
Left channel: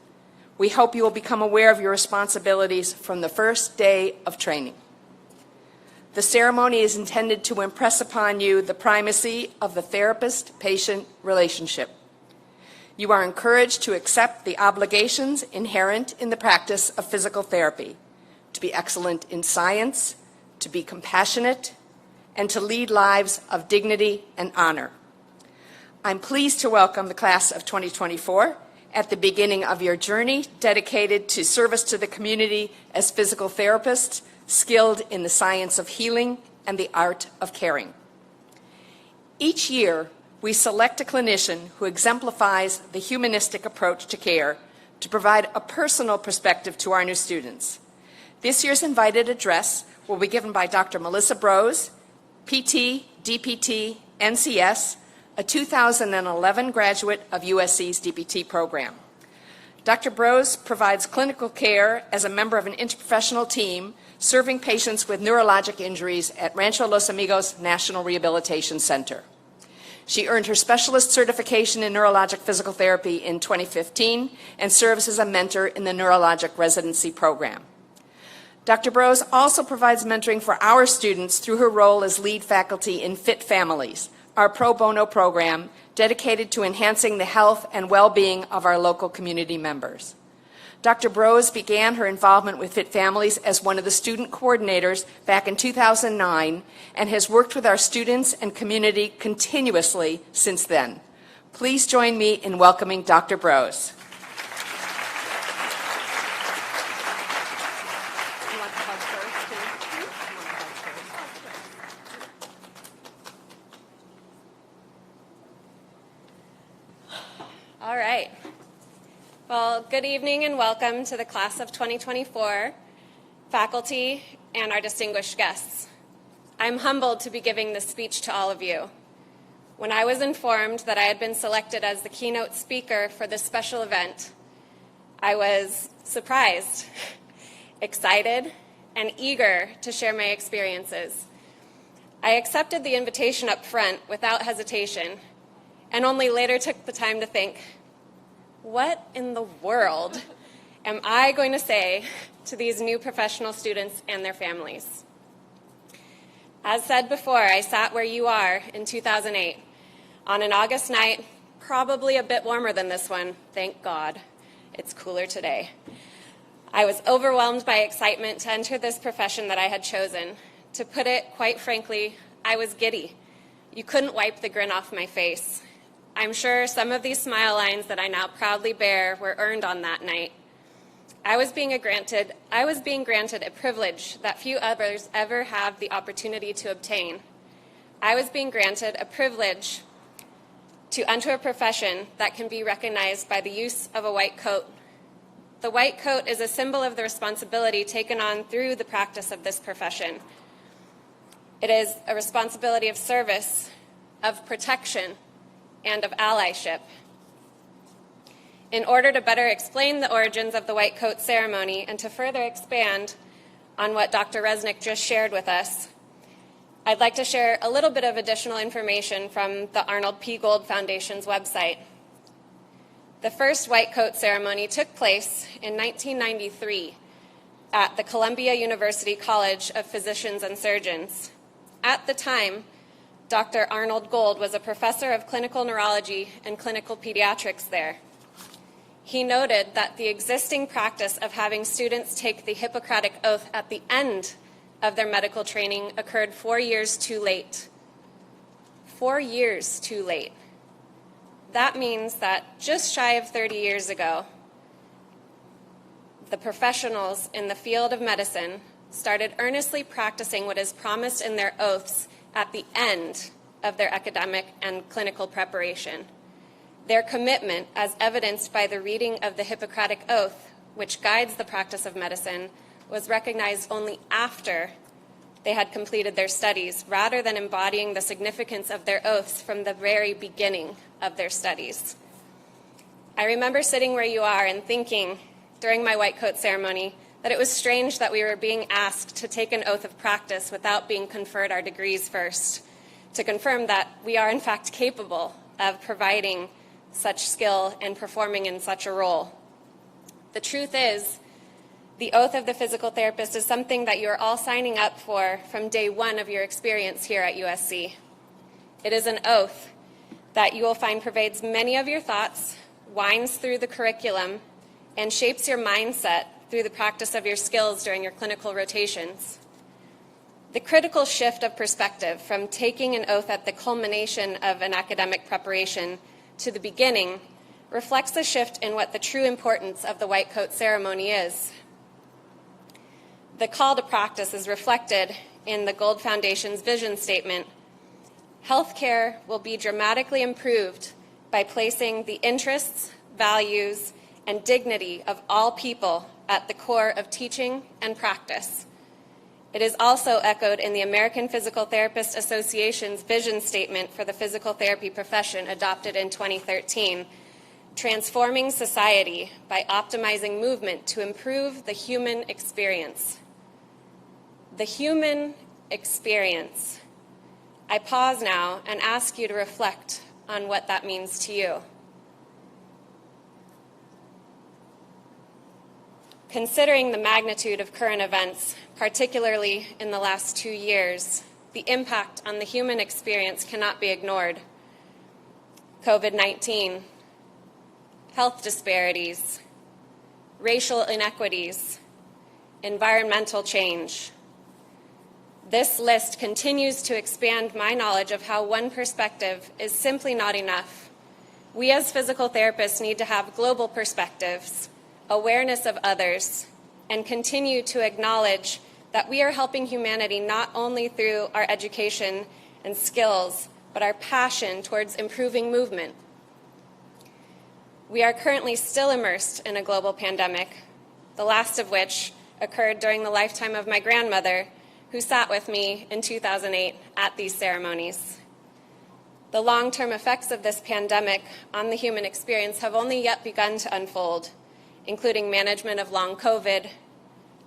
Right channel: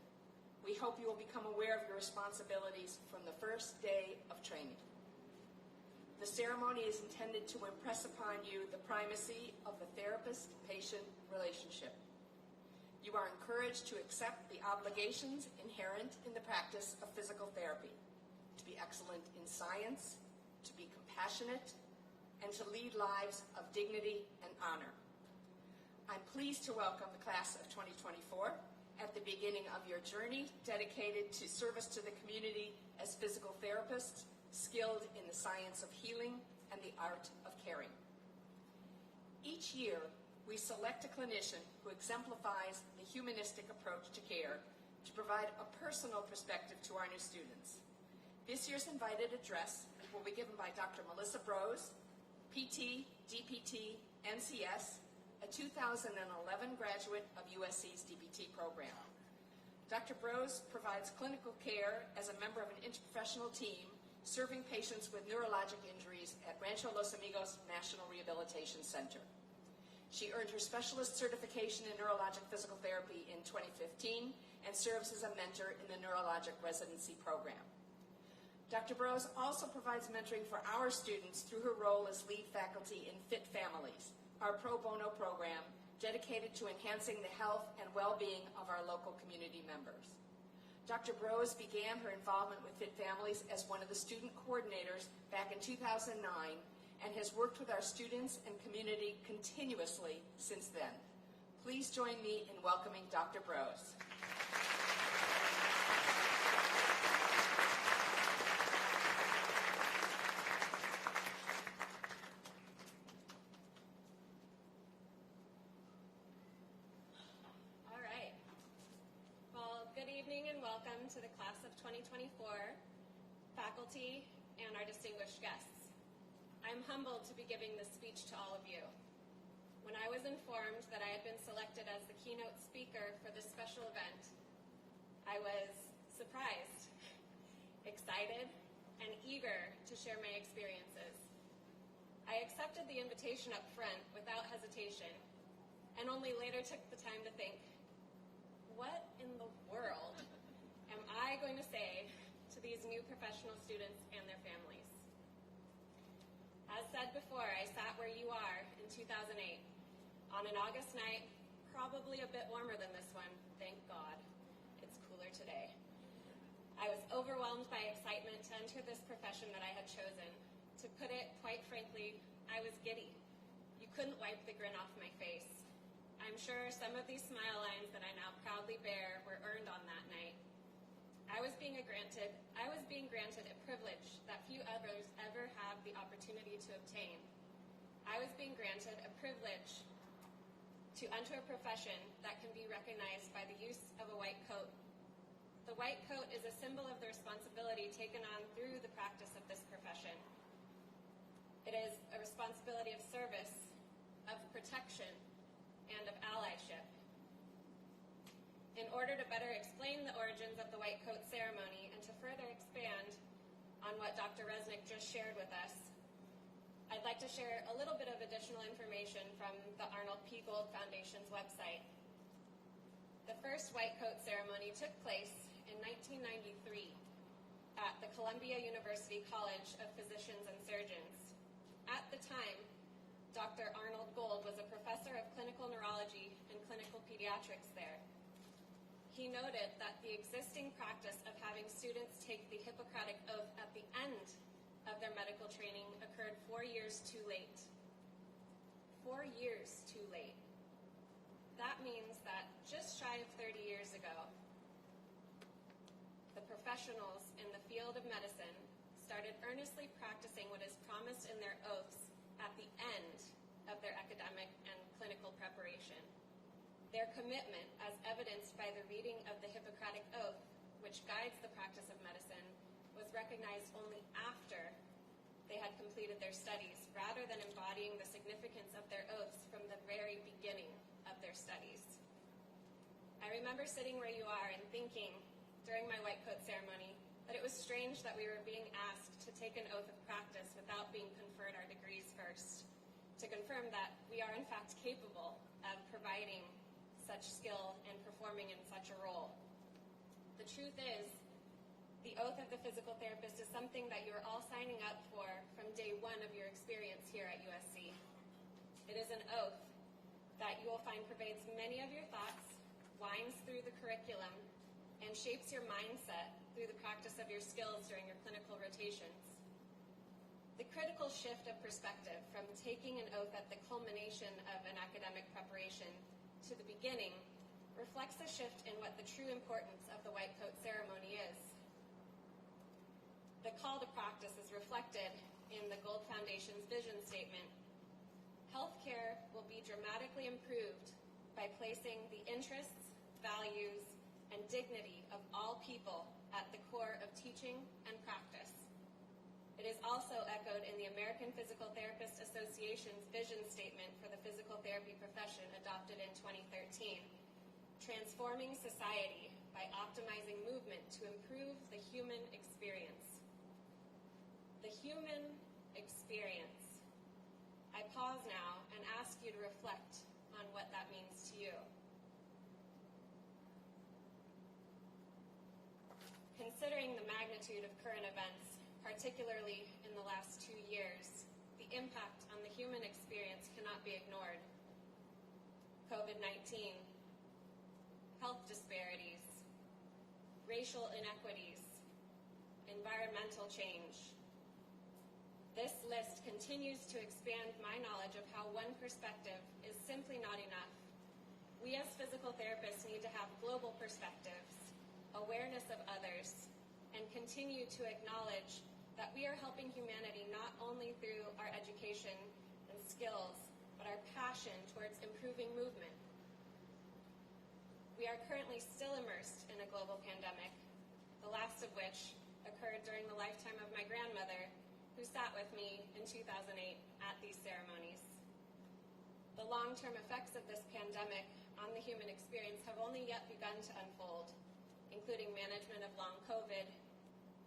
we hope you will become aware of your responsibilities from the first day of training. The ceremony is intended to impress upon you the primacy of the therapist-patient relationship. You are encouraged to accept the obligations inherent in the practice of physical therapy, to be excellent in science, to be compassionate, and to lead lives of dignity and honor. I'm pleased to welcome the class of 2024 at the beginning of your journey dedicated to service to the community as physical therapists, skilled in the science of healing and the art of caring. Each year, we select a clinician who exemplifies the humanistic approach to care to provide a personal perspective to our new students. This year's invited address will be given by Dr. Melissa Brose, PT, DPT, NCS, a 2011 graduate of USC's DPT program. Dr. Brose provides clinical care as a member of an interprofessional team serving patients with neurologic injuries at Rancho Los Amigos National Rehabilitation Center. She earned her specialist certification in neurologic physical therapy in 2015 and serves as a mentor in the neurologic residency program. Dr. Brose also provides mentoring for our students through her role as lead faculty in Fit Families, our pro bono program dedicated to enhancing the health and well-being of our local community members. Dr. Brose began her involvement with Fit Families as one of the student coordinators back in 2009 and has worked with our students and community continuously since then. Please join me in welcoming Dr. Brose. All right. Well, good evening and welcome to the class of 2024, faculty, and our distinguished guests. I'm humbled to be giving this speech to all of you. When I was informed that I had been selected as the keynote speaker for this special event, I was surprised, excited, and eager to share my experiences. I accepted the invitation up front without hesitation, and only later took the time to think, what in the world am I going to say to these new professional students and their families? As said before, I sat where you are in 2008 on an August night, probably a bit warmer than this one, thank God. It's cooler today. I was overwhelmed by excitement to enter this profession that I had chosen. To put it quite frankly, I was giddy. You couldn't wipe the grin off my face. I'm sure some of these smile lines that I now proudly bear were earned on that night. I was being granted a privilege that few others ever have the opportunity to obtain. I was being granted a privilege to enter a profession that can be recognized by the use of a white coat. The white coat is a symbol of the responsibility taken on through the practice of this profession. It is a responsibility of service, of protection, and of allyship. In order to better explain the origins of the white coat ceremony and to further expand on what Dr. Resnick just shared with us, I'd like to share a little bit of additional information from the Arnold P. Gold Foundation's website. The first white coat ceremony took place in 1993 at the Columbia University College of Physicians and Surgeons. At the time, Dr. Arnold Gold was a professor of clinical neurology and clinical pediatrics there. He noted that the existing practice of having students take the Hippocratic Oath at the end of their medical training occurred 4 years too late. 4 years too late. That means that just shy of 30 years ago, the professionals in the field of medicine started earnestly practicing what is promised in their oaths at the end of their academic and clinical preparation. Their commitment, as evidenced by the reading of the Hippocratic Oath, which guides the practice of medicine, was recognized only after they had completed their studies, rather than embodying the significance of their oaths from the very beginning of their studies. I remember sitting where you are and thinking during my white coat ceremony that it was strange that we were being asked to take an oath of practice without being conferred our degrees first, to confirm that we are in fact capable of providing such skill and performing in such a role. The truth is, the oath of the physical therapist is something that you're all signing up for from day one of your experience here at USC. It is an oath that you will find pervades many of your thoughts, winds through the curriculum, and shapes your mindset through the practice of your skills during your clinical rotations. The critical shift of perspective from taking an oath at the culmination of an academic preparation to the beginning reflects a shift in what the true importance of the white coat ceremony is. The call to practice is reflected in the Gold Foundation's vision statement. Healthcare will be dramatically improved by placing the interests, values, and dignity of all people at the core of teaching and practice. It is also echoed in the American Physical Therapist Association's vision statement for the physical therapy profession adopted in 2013, transforming society by optimizing movement to improve the human experience. The human experience. I pause now and ask you to reflect on what that means to you. Considering the magnitude of current events, particularly in the last 2 years, the impact on the human experience cannot be ignored. COVID-19, health disparities, racial inequities, environmental change. This list continues to expand my knowledge of how one perspective is simply not enough. We as physical therapists need to have global perspectives, awareness of others, and continue to acknowledge that we are helping humanity not only through our education and skills, but our passion towards improving movement. We are currently still immersed in a global pandemic, the last of which occurred during the lifetime of my grandmother, who sat with me in 2008 at these ceremonies. The long-term effects of this pandemic on the human experience have only yet begun to unfold, including management of long COVID,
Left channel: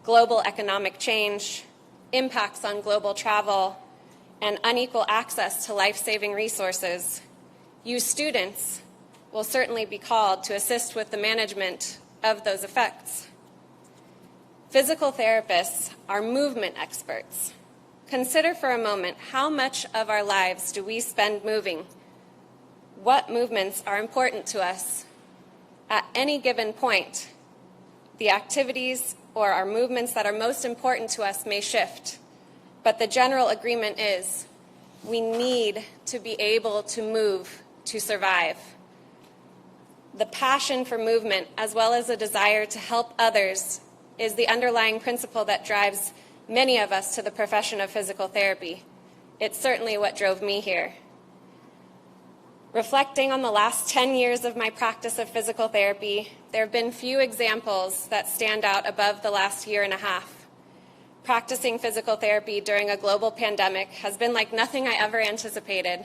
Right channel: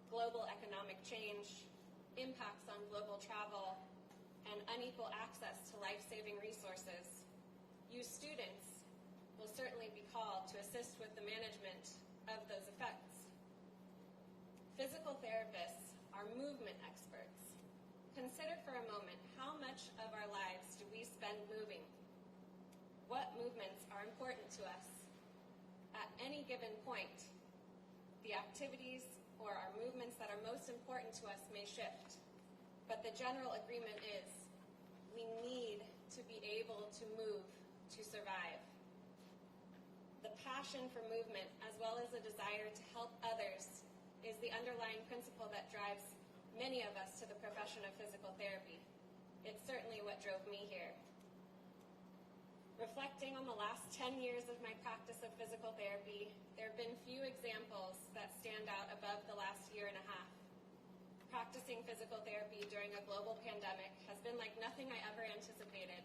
global economic change, impacts on global travel, and unequal access to life-saving resources. You students will certainly be called to assist with the management of those effects. Physical therapists are movement experts. Consider for a moment how much of our lives do we spend moving? What movements are important to us? At any given point, the activities or our movements that are most important to us may shift, but the general agreement is we need to be able to move to survive. The passion for movement, as well as a desire to help others, is the underlying principle that drives many of us to the profession of physical therapy. It's certainly what drove me here. Reflecting on the last 10 years of my practice of physical therapy, there have been few examples that stand out above the last year and a half. Practicing physical therapy during a global pandemic has been like nothing I ever anticipated.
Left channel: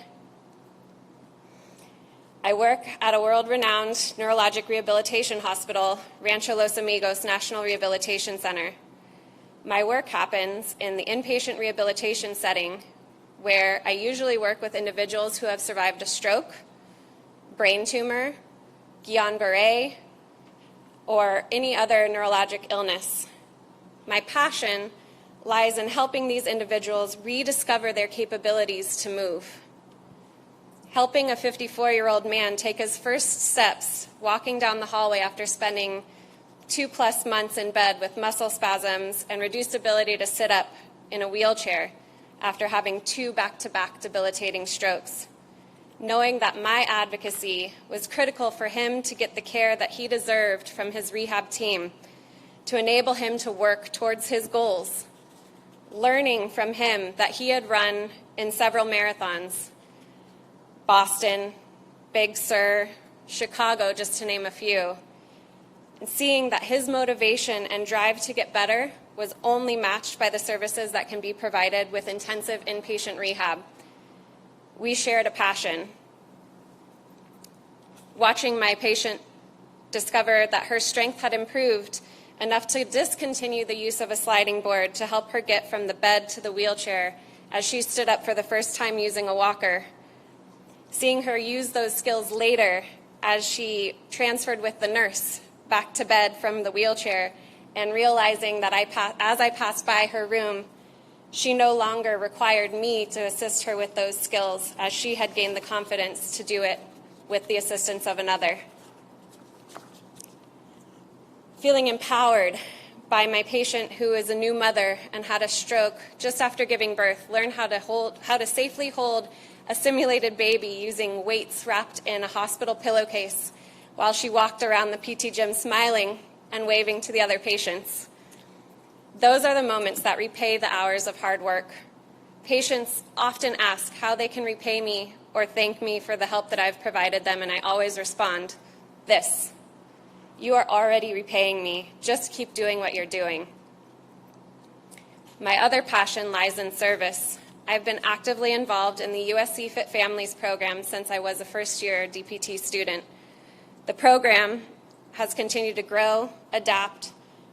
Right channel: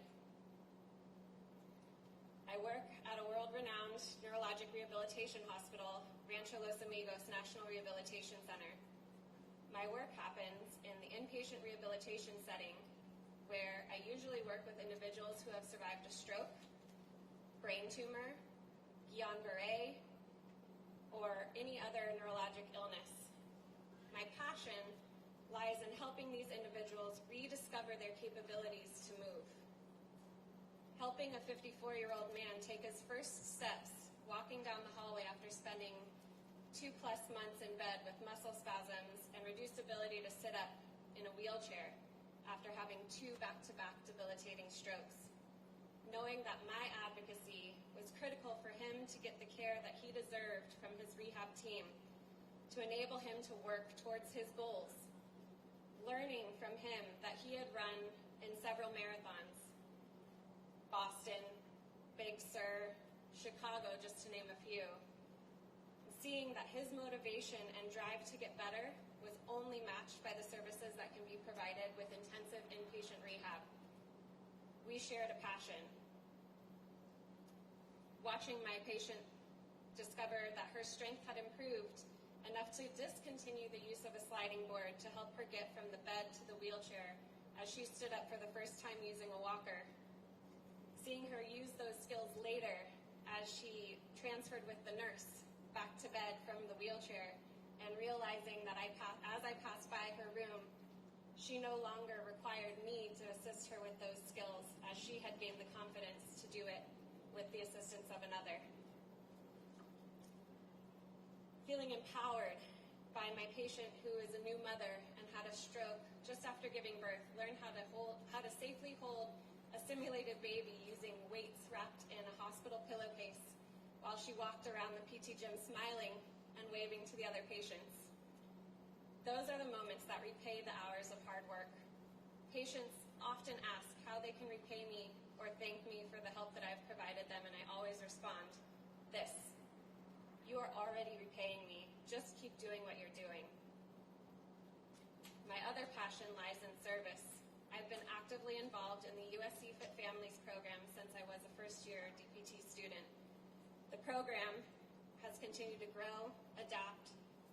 I work at a world-renowned neurologic rehabilitation hospital, Rancho Los Amigos National Rehabilitation Center. My work happens in the inpatient rehabilitation setting, where I usually work with individuals who have survived a stroke, brain tumor, Guillain-Barré, or any other neurologic illness. My passion lies in helping these individuals rediscover their capabilities to move. Helping a 54-year-old man take his first steps walking down the hallway after spending 2+ months in bed with muscle spasms and reduced ability to sit up in a wheelchair after having 2 back-to-back debilitating strokes. Knowing that my advocacy was critical for him to get the care that he deserved from his rehab team, to enable him to work towards his goals. Learning from him that he had run in several marathons, Boston, Big Sur, Chicago, just to name a few, and seeing that his motivation and drive to get better was only matched by the services that can be provided with intensive inpatient rehab. We shared a passion. Watching my patient discover that her strength had improved enough to discontinue the use of a sliding board to help her get from the bed to the wheelchair as she stood up for the first time using a walker. Seeing her use those skills later as she transferred with the nurse back to bed from the wheelchair, and realizing that as I passed by her room, she no longer required me to assist her with those skills, as she had gained the confidence to do it with the assistance of another. Feeling empowered by my patient, who is a new mother and had a stroke just after giving birth, learned how to safely hold a simulated baby using weights wrapped in a hospital pillowcase while she walked around the PT gym smiling and waving to the other patients. Those are the moments that repay the hours of hard work. Patients often ask how they can repay me or thank me for the help that I've provided them, and I always respond, this: you are already repaying me. Just keep doing what you're doing. My other passion lies in service. I've been actively involved in the USC Fit Families program since I was a first-year DPT student. The program has continued to grow, adapt,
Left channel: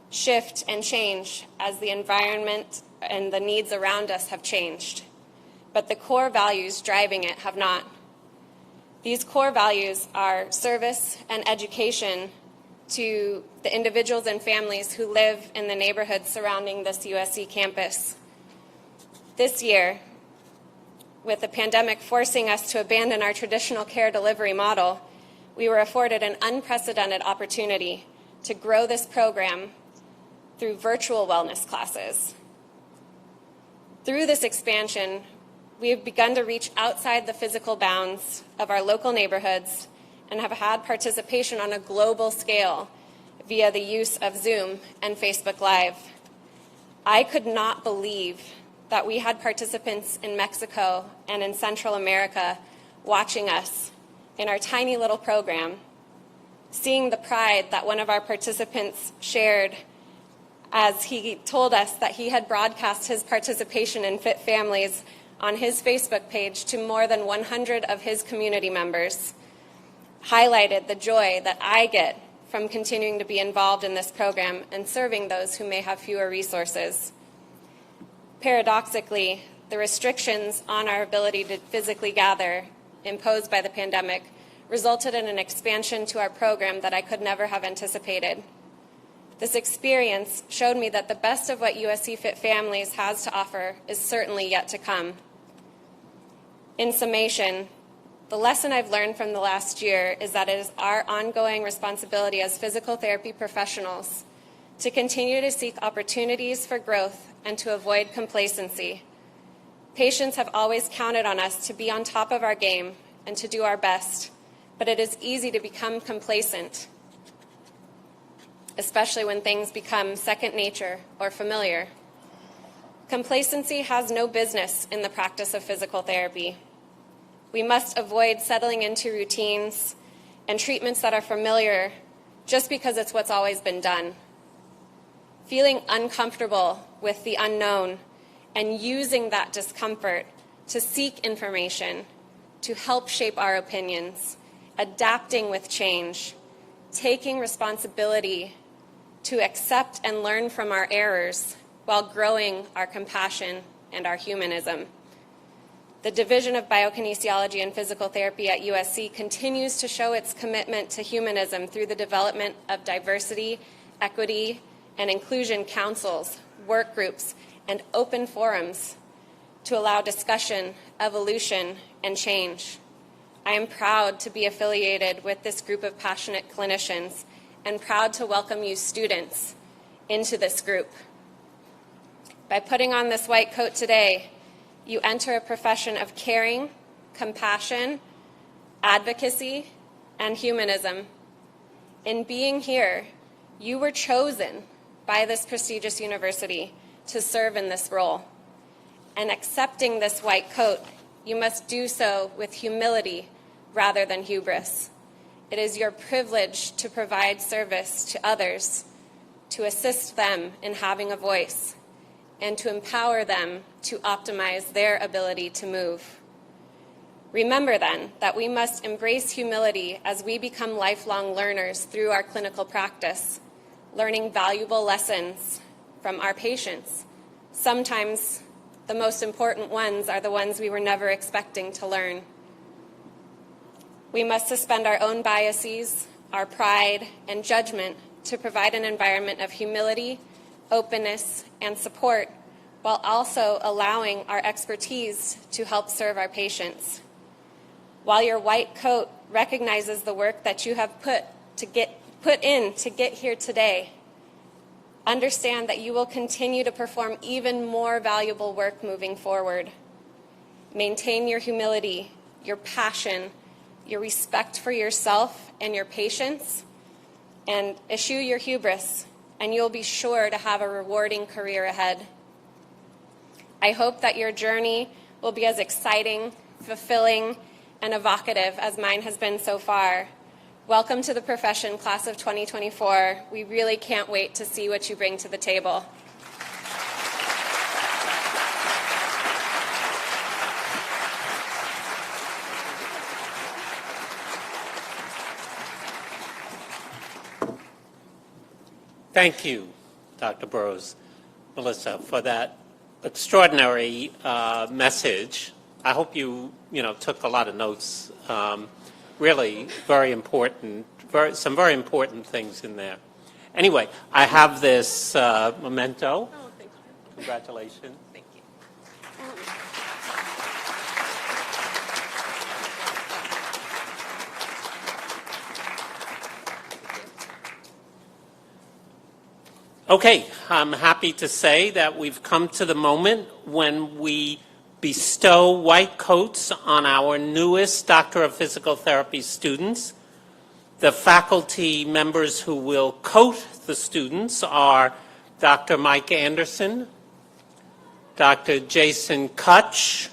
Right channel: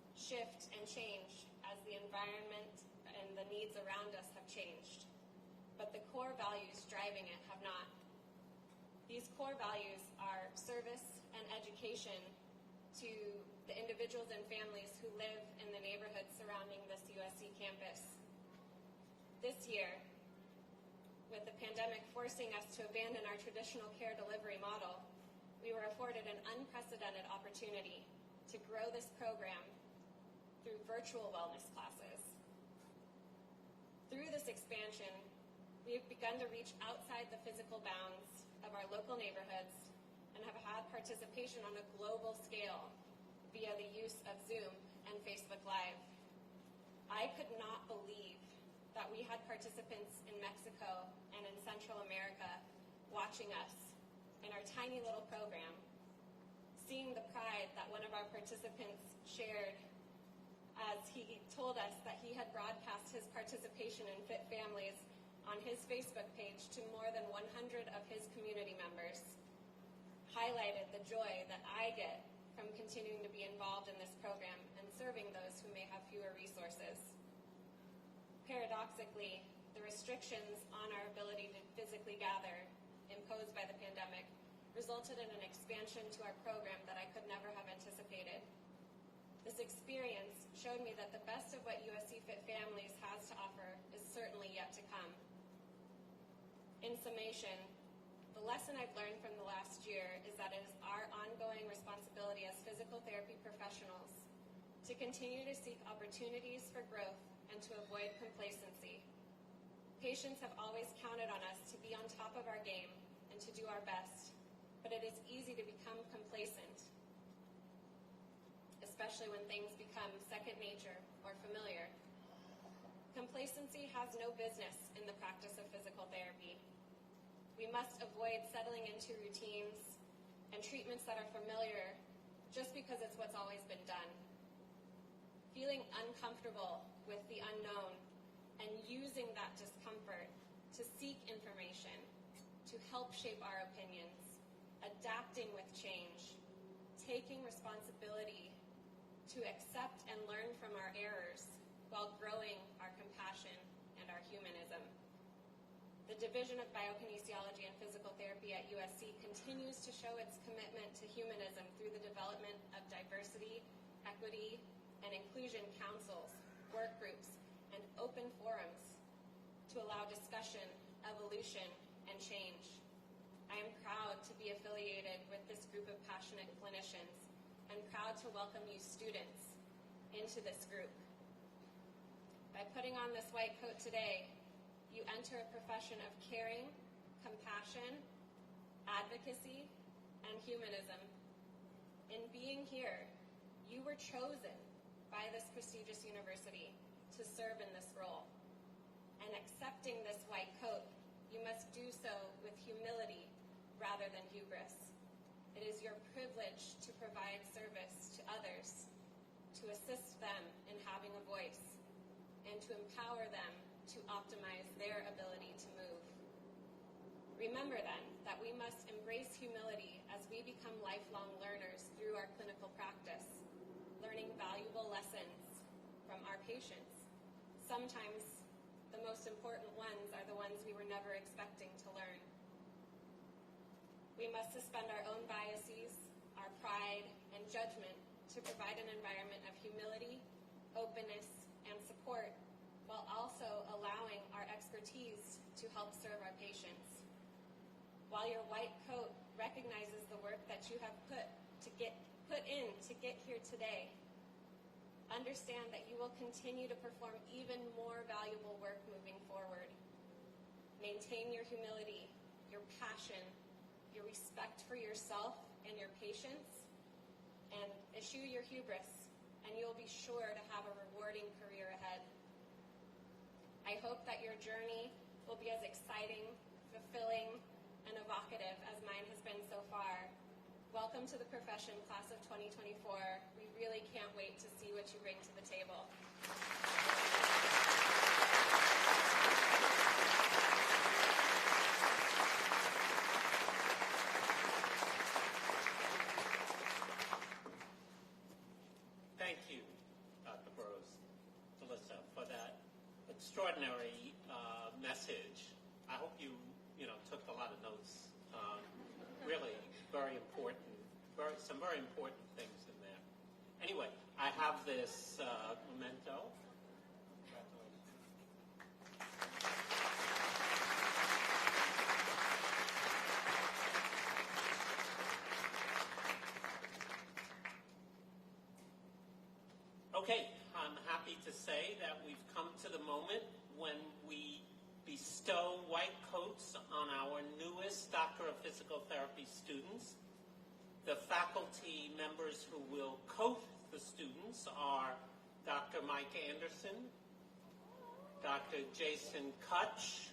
shift, and change as the environment and the needs around us have changed. But the core values driving it have not. These core values are service and education to the individuals and families who live in the neighborhoods surrounding this USC campus. This year, with the pandemic forcing us to abandon our traditional care delivery model, we were afforded an unprecedented opportunity to grow this program through virtual wellness classes. Through this expansion, we have begun to reach outside the physical bounds of our local neighborhoods and have had participation on a global scale via the use of Zoom and Facebook Live. I could not believe that we had participants in Mexico and in Central America watching us in our tiny little program, seeing the pride that one of our participants shared as he told us that he had broadcast his participation in Fit Families on his Facebook page to more than 100 of his community members, highlighted the joy that I get from continuing to be involved in this program and serving those who may have fewer resources. Paradoxically, the restrictions on our ability to physically gather imposed by the pandemic resulted in an expansion to our program that I could never have anticipated. This experience showed me that the best of what USC Fit Families has to offer is certainly yet to come. In summation, the lesson I've learned from the last year is that it is our ongoing responsibility as physical therapy professionals to continue to seek opportunities for growth and to avoid complacency. Patients have always counted on us to be on top of our game and to do our best, but it is easy to become complacent, especially when things become second nature or familiar. Complacency has no business in the practice of physical therapy. We must avoid settling into routines and treatments that are familiar just because it's what's always been done. Feeling uncomfortable with the unknown and using that discomfort to seek information, to help shape our opinions, adapting with change, taking responsibility to accept and learn from our errors while growing our compassion and our humanism. The Division of Biokinesiology and Physical Therapy at USC continues to show its commitment to humanism through the development of diversity, equity, and inclusion councils, work groups, and open forums to allow discussion, evolution, and change. I am proud to be affiliated with this group of passionate clinicians and proud to welcome you students into this group. By putting on this white coat today, you enter a profession of caring, compassion, advocacy, and humanism. In being here, you were chosen by this prestigious university to serve in this role. And accepting this white coat, you must do so with humility rather than hubris. It is your privilege to provide service to others, to assist them in having a voice, and to empower them to optimize their ability to move. Remember then that we must embrace humility as we become lifelong learners through our clinical practice, learning valuable lessons from our patients. Sometimes the most important ones are the ones we were never expecting to learn. We must suspend our own biases, our pride, and judgment to provide an environment of humility, openness, and support, while also allowing our expertise to help serve our patients. While your white coat recognizes the work that you have put in to get here today, understand that you will continue to perform even more valuable work moving forward. Maintain your humility, your passion, your respect for yourself and your patients, and eschew your hubris, and you'll be sure to have a rewarding career ahead. I hope that your journey will be as exciting, fulfilling, and evocative as mine has been so far. Welcome to the profession, class of 2024. We really can't wait to see what you bring to the table. Thank you, Dr. Burrows, Melissa, for that extraordinary message. I hope you took a lot of notes. Really very important some very important things in there. Anyway, I have this memento. Oh, thank you. Congratulations. Thank you. Okay, I'm happy to say that we've come to the moment when we bestow white coats on our newest Doctor of Physical Therapy students. The faculty members who will coat the students are Dr. Mike Anderson, Dr. Jason Kutch,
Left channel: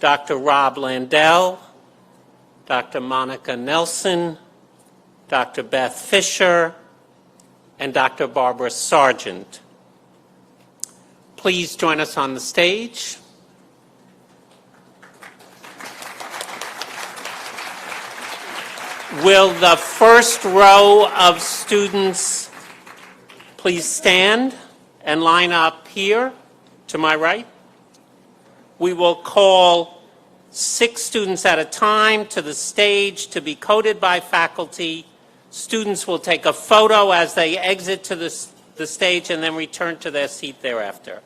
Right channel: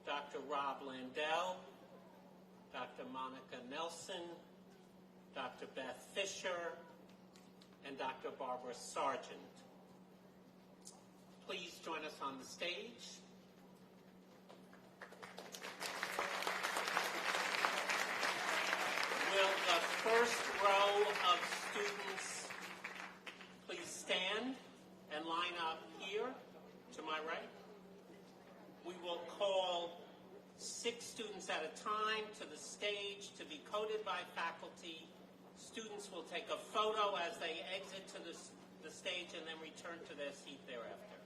Dr. Rob Landell, Dr. Monica Nelson, Dr. Beth Fisher, and Dr. Barbara Sargent. Please join us on the stage. Will the first row of students please stand and line up here to my right? We will call 6 students at a time to the stage to be coated by faculty. Students will take a photo as they exit to the stage and then return to their seat thereafter.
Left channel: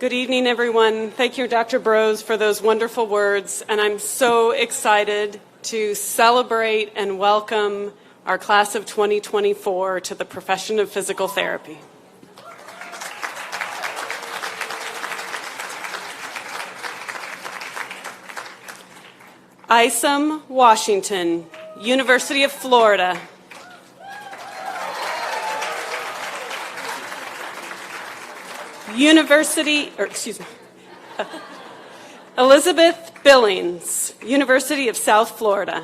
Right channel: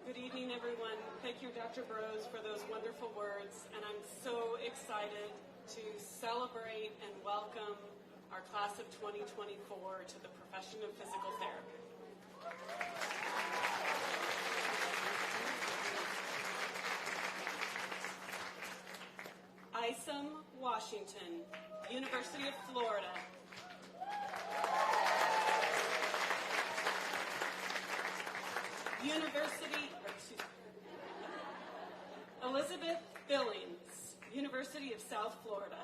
Good evening, everyone. Thank you, Dr. Brose, for those wonderful words. And I'm so excited to celebrate and welcome our class of 2024 to the profession of physical therapy. Isom Washington, University of Florida. Elizabeth Billings, University of South Florida.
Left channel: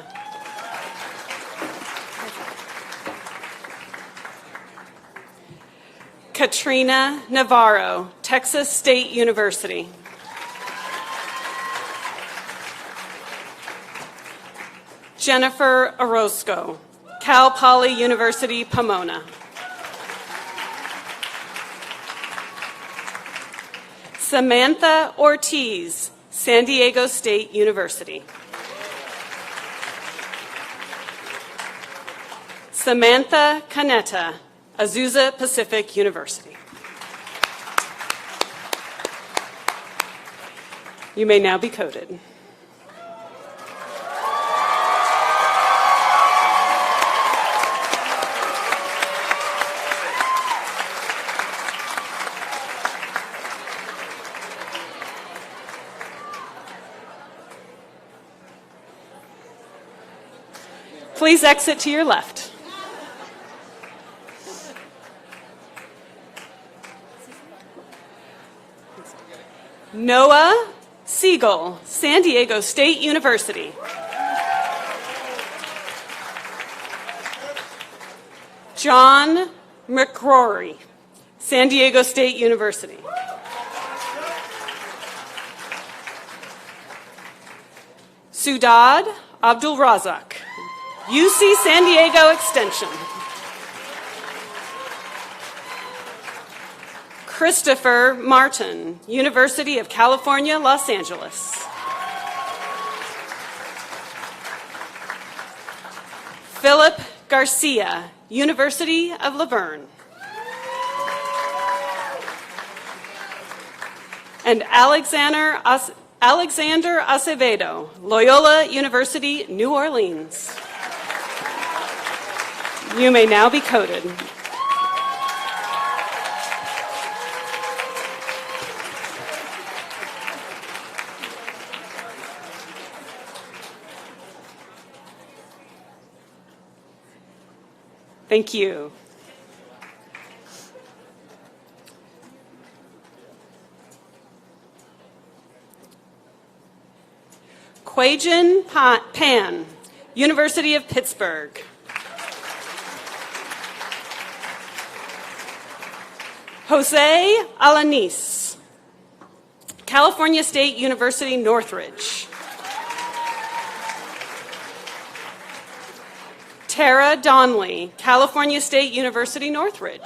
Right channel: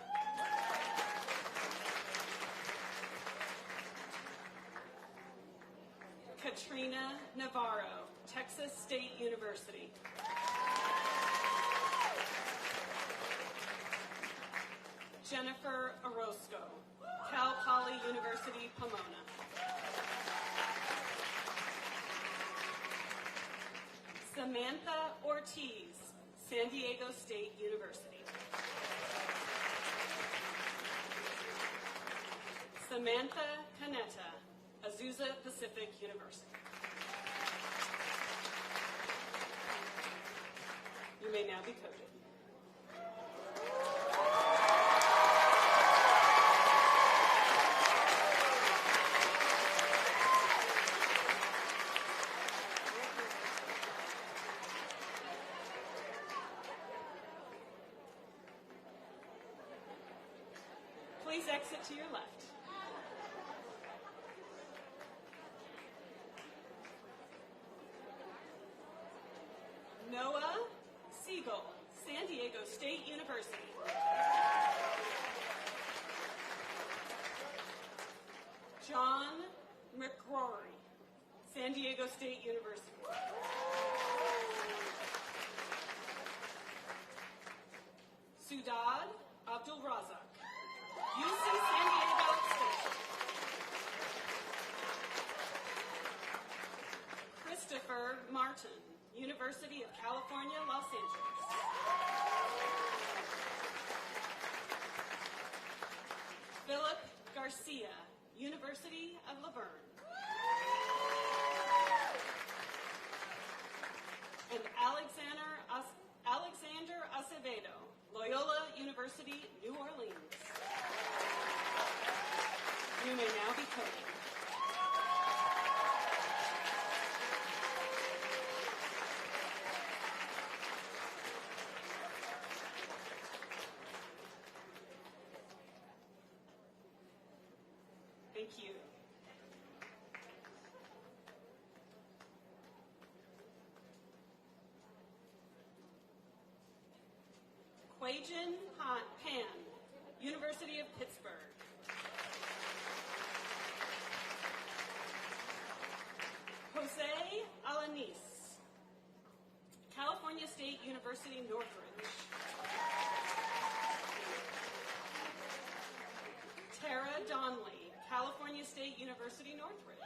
Katrina Navarro, Texas State University. Jennifer Orozco, Cal Poly University, Pomona. Samantha Ortiz, San Diego State University. Samantha Canetta, Azusa Pacific University. You may now be coated. Please exit to your left. Noah Siegel, San Diego State University. John McCrory, San Diego State University. Sudad Abdul Razak, UC San Diego Extension. Christopher Martin, University of California, Los Angeles. Philip Garcia, University of Laverne. And Alexander Acevedo, Loyola University, New Orleans. You may now be coated. Thank you. Quajan Pan, University of Pittsburgh. Jose Alanis, California State University, Northridge. Tara Donnelly, California State University, Northridge.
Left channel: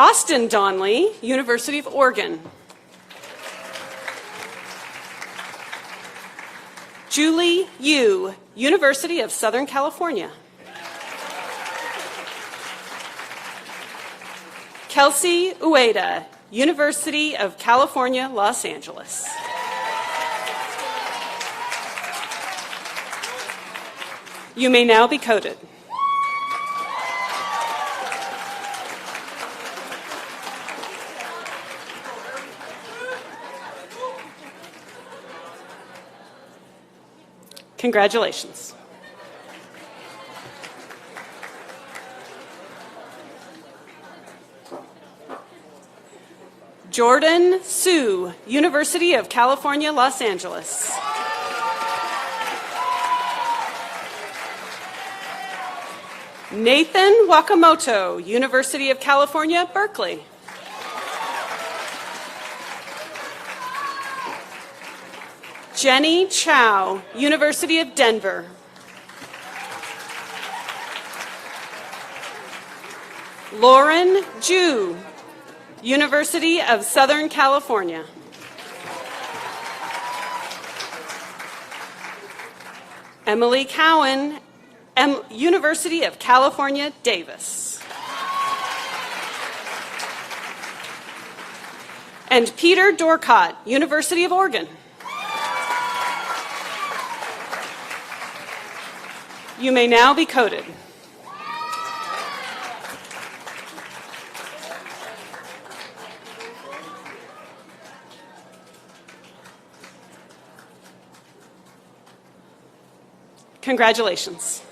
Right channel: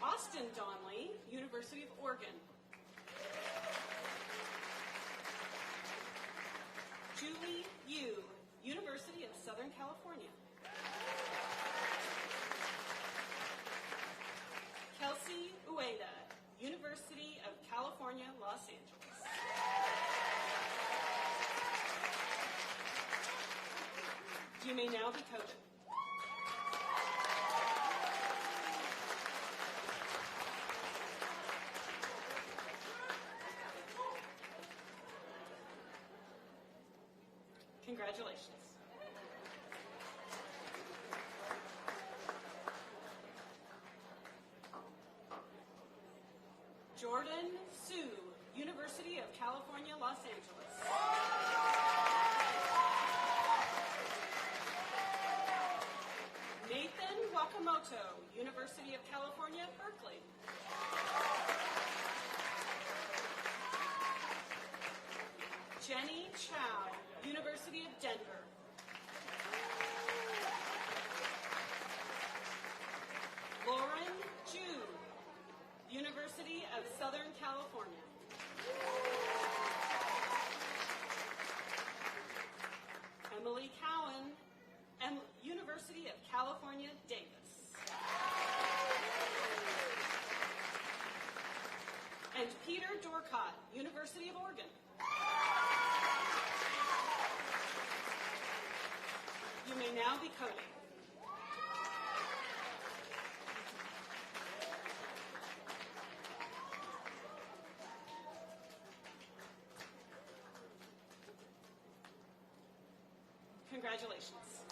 Austin Donley, University of Oregon. Julie Yu, University of Southern California. Kelsey Ueda, University of California, Los Angeles. You may now be coded. Congratulations. Jordan Sue, University of California, Los Angeles. Nathan Wakamoto, University of California, Berkeley. Jenny Chow, University of Denver. Lauren Ju, University of Southern California. Emily Cowan, University of California, Davis. And Peter Dorcott, University of Oregon. You may now be coded. Congratulations.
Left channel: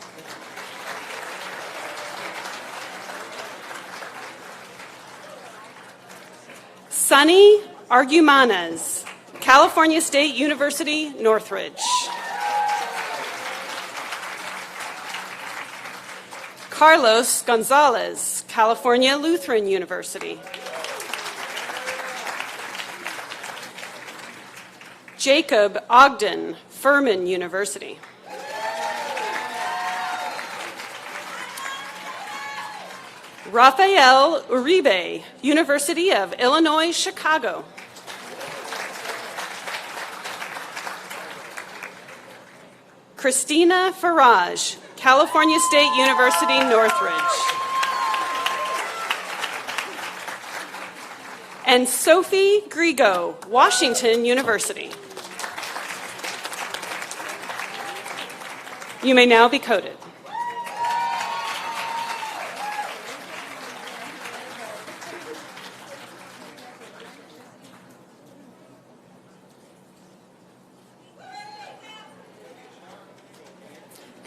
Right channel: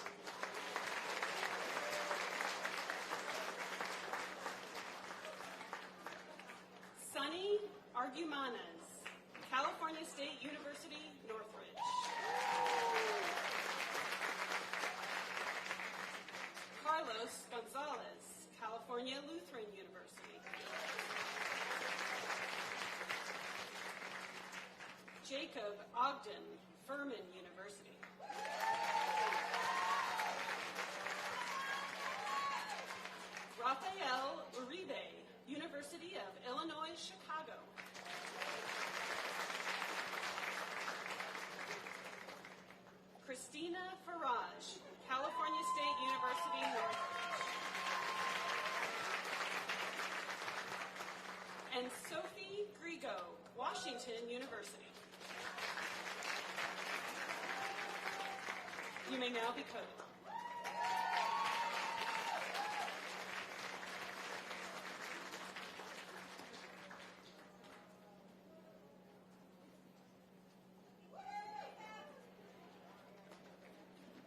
Sunny Argumanes, California State University, Northridge. Carlos Gonzalez, California Lutheran University. Jacob Ogden, Furman University. Rafael Uribe, University of Illinois, Chicago. Christina Farage, California State University, Northridge. And Sophie Grigo, Washington University. You may now be coded.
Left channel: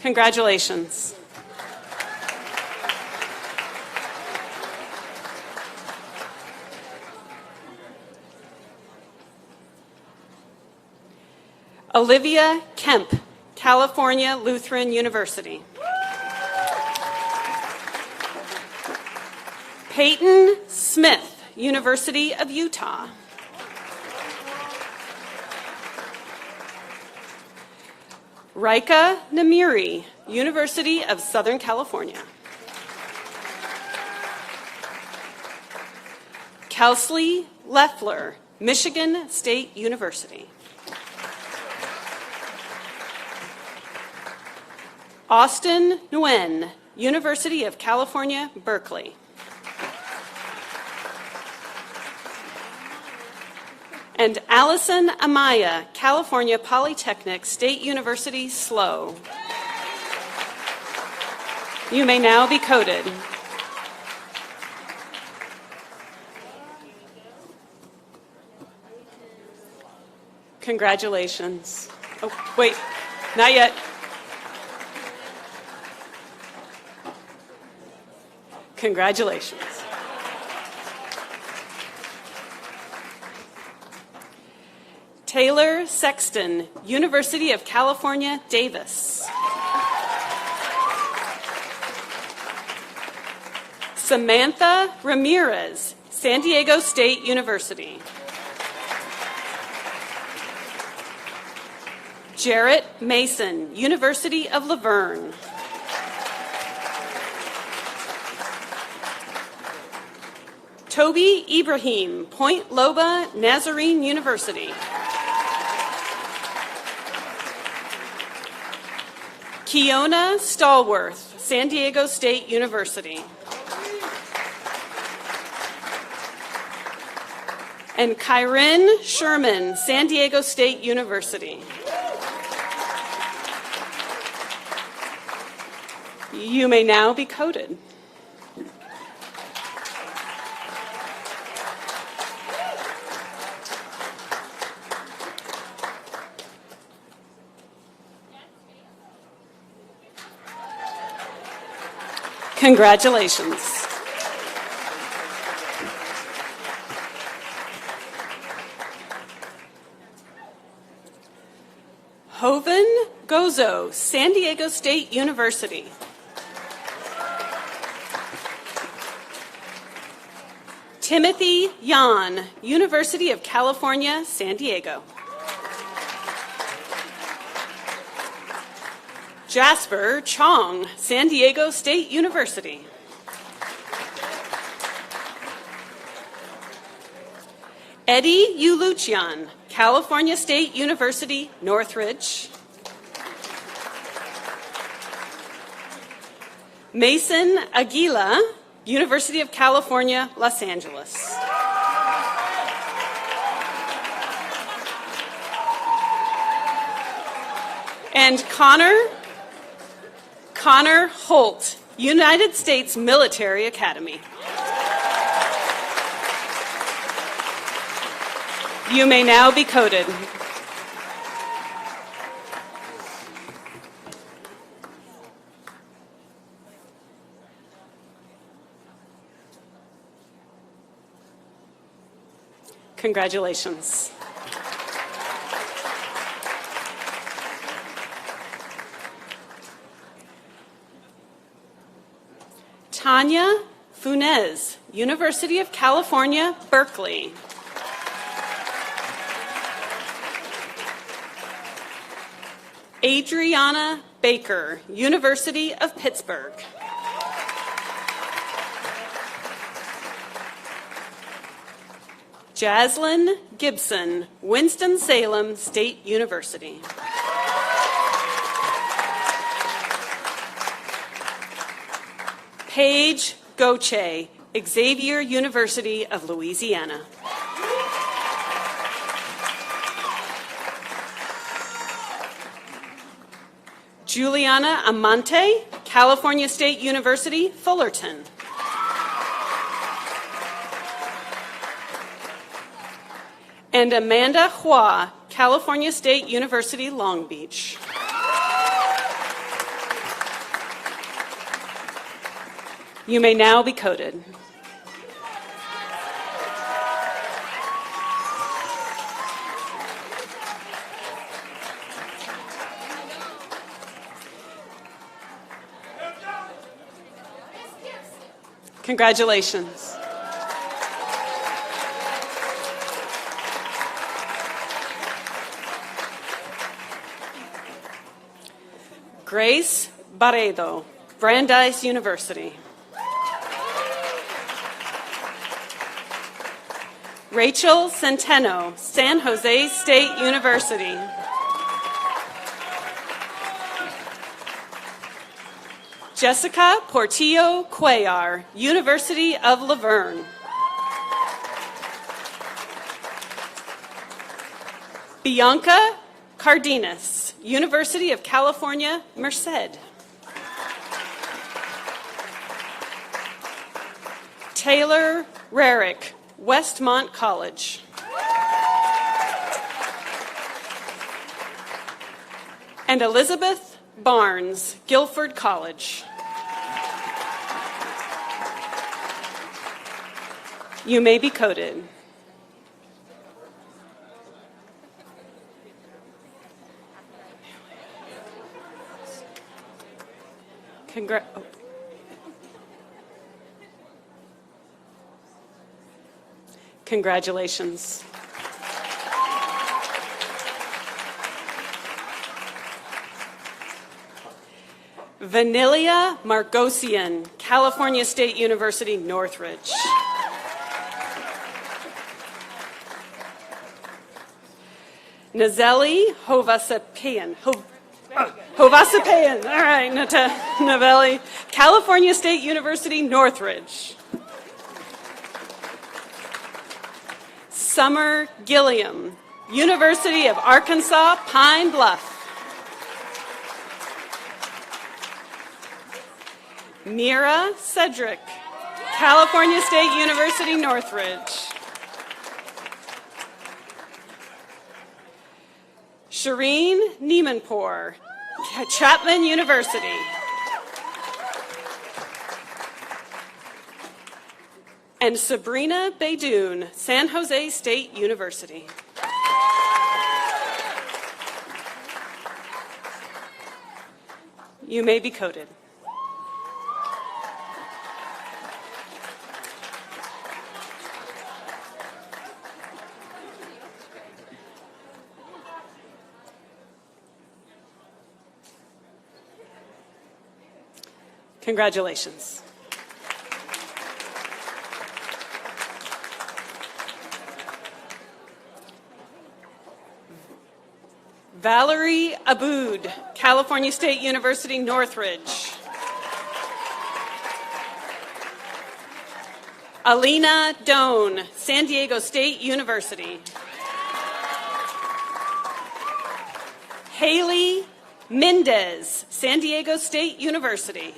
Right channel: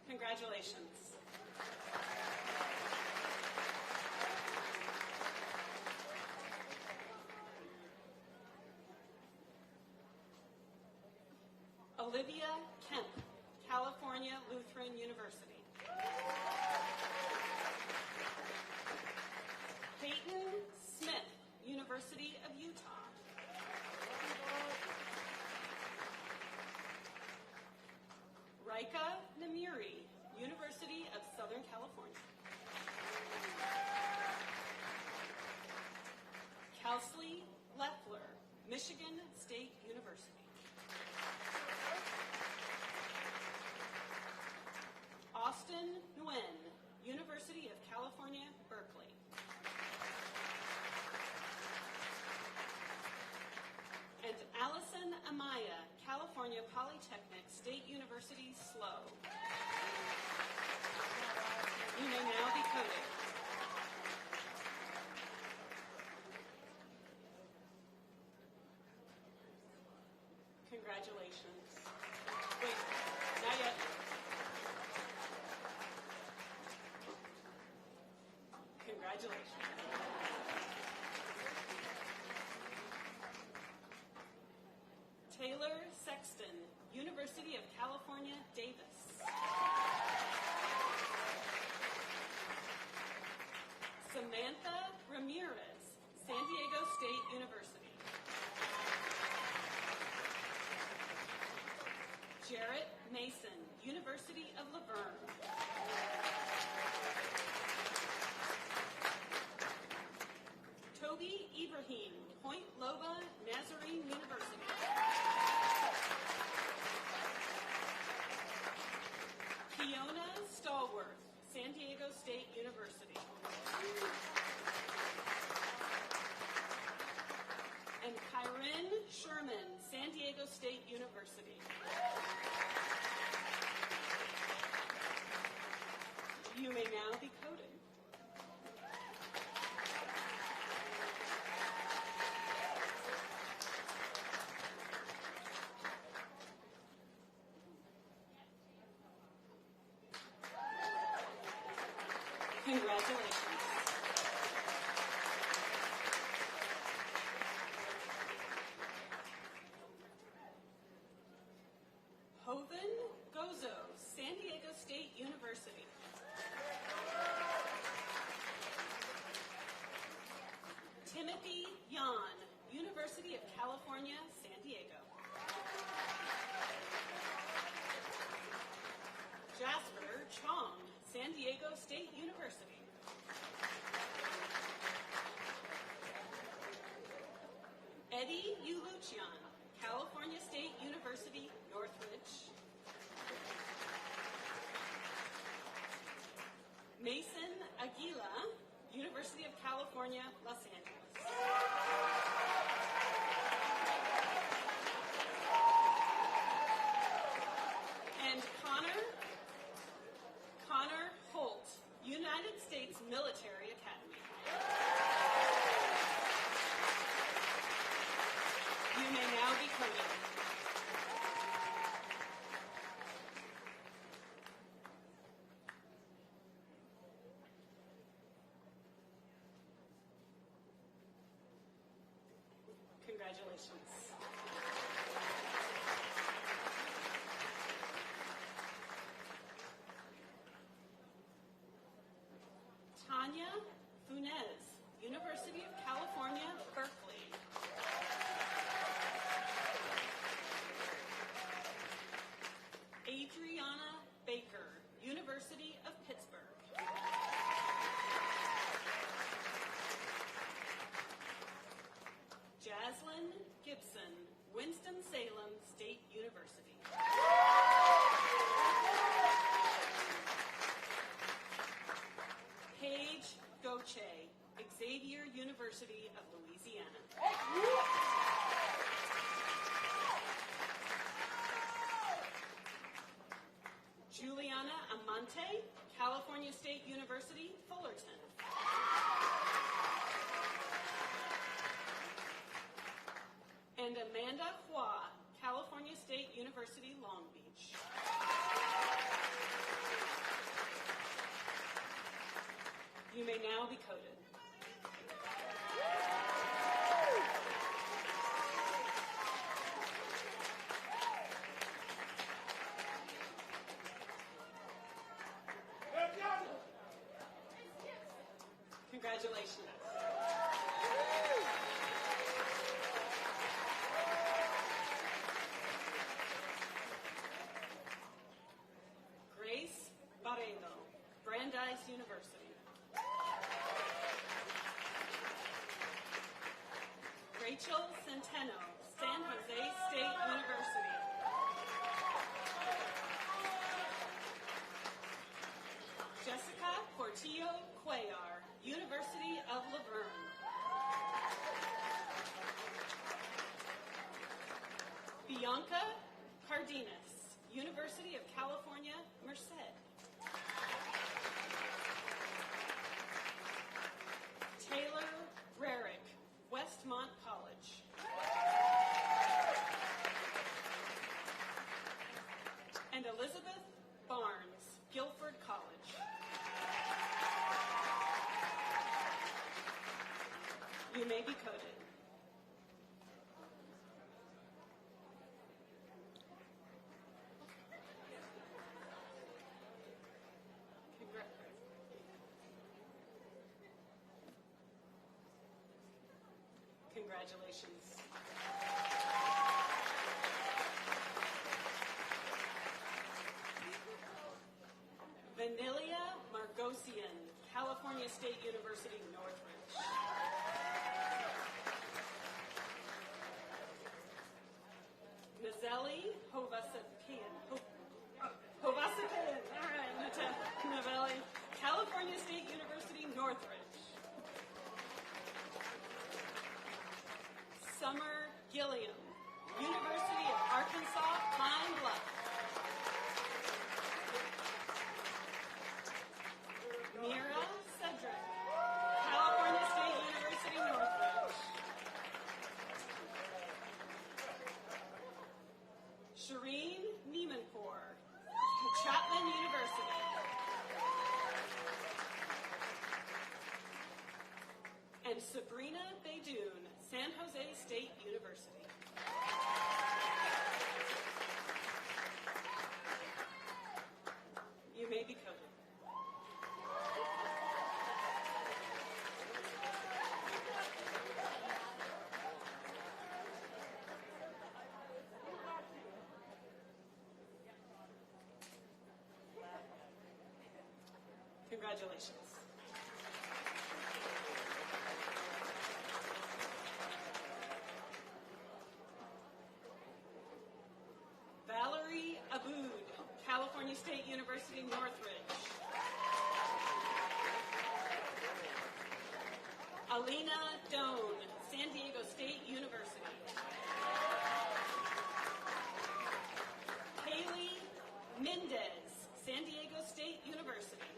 Congratulations. Olivia Kemp, California Lutheran University. Peyton Smith, University of Utah. Rika Namiri, University of Southern California. Kelsley Leffler, Michigan State University. Austin Nguyen, University of California, Berkeley. And Allison Amaya, California Polytechnic State University, SLO. You may now be coded. Congratulations. Oh, wait, not yet. Congratulations. Taylor Sexton, University of California, Davis. Samantha Ramirez, San Diego State University. Jarrett Mason, University of Laverne. Toby Ibrahim, Point Loba Nazarene University. Kiona Stallworth, San Diego State University. And Kyrin Sherman, San Diego State University. You may now be coded. Congratulations. Hoven Gozo, San Diego State University. Timothy Yan, University of California, San Diego. Jasper Chong, San Diego State University. Eddie Yuluchian, California State University, Northridge. Mason Aguila, University of California, Los Angeles. And Connor Holt, United States Military Academy. You may now be coded. Congratulations. Tanya Funes, University of California, Berkeley. Adriana Baker, University of Pittsburgh. Jaslyn Gibson, Winston-Salem State University. Paige Goche, Xavier University of Louisiana. Juliana Amante, California State University, Fullerton. And Amanda Hua, California State University, Long Beach. You may now be coded. Congratulations. Grace Barredo, Brandeis University. Rachel Centeno, San Jose State University. Jessica Portillo Cuellar, University of La Verne. Bianca Cardenas, University of California, Merced. Taylor Rarick, Westmont College. And Elizabeth Barnes, Guilford College. You may be coded. Congratulations. Vanilia Margosian, California State University, Northridge. Nazeli Hovasapayan. Hovasapayan. All right, Navelli. California State University, Northridge. Summer Gilliam, University of Arkansas, Pine Bluff. Mira Cedric, California State University, Northridge. Shireen Niemanpour, Chapman University. And Sabrina Beydoun, San Jose State University. You may be coded. Congratulations. Valerie Aboud, California State University, Northridge. Alina Doan, San Diego State University. Haley Mendez, San Diego State University.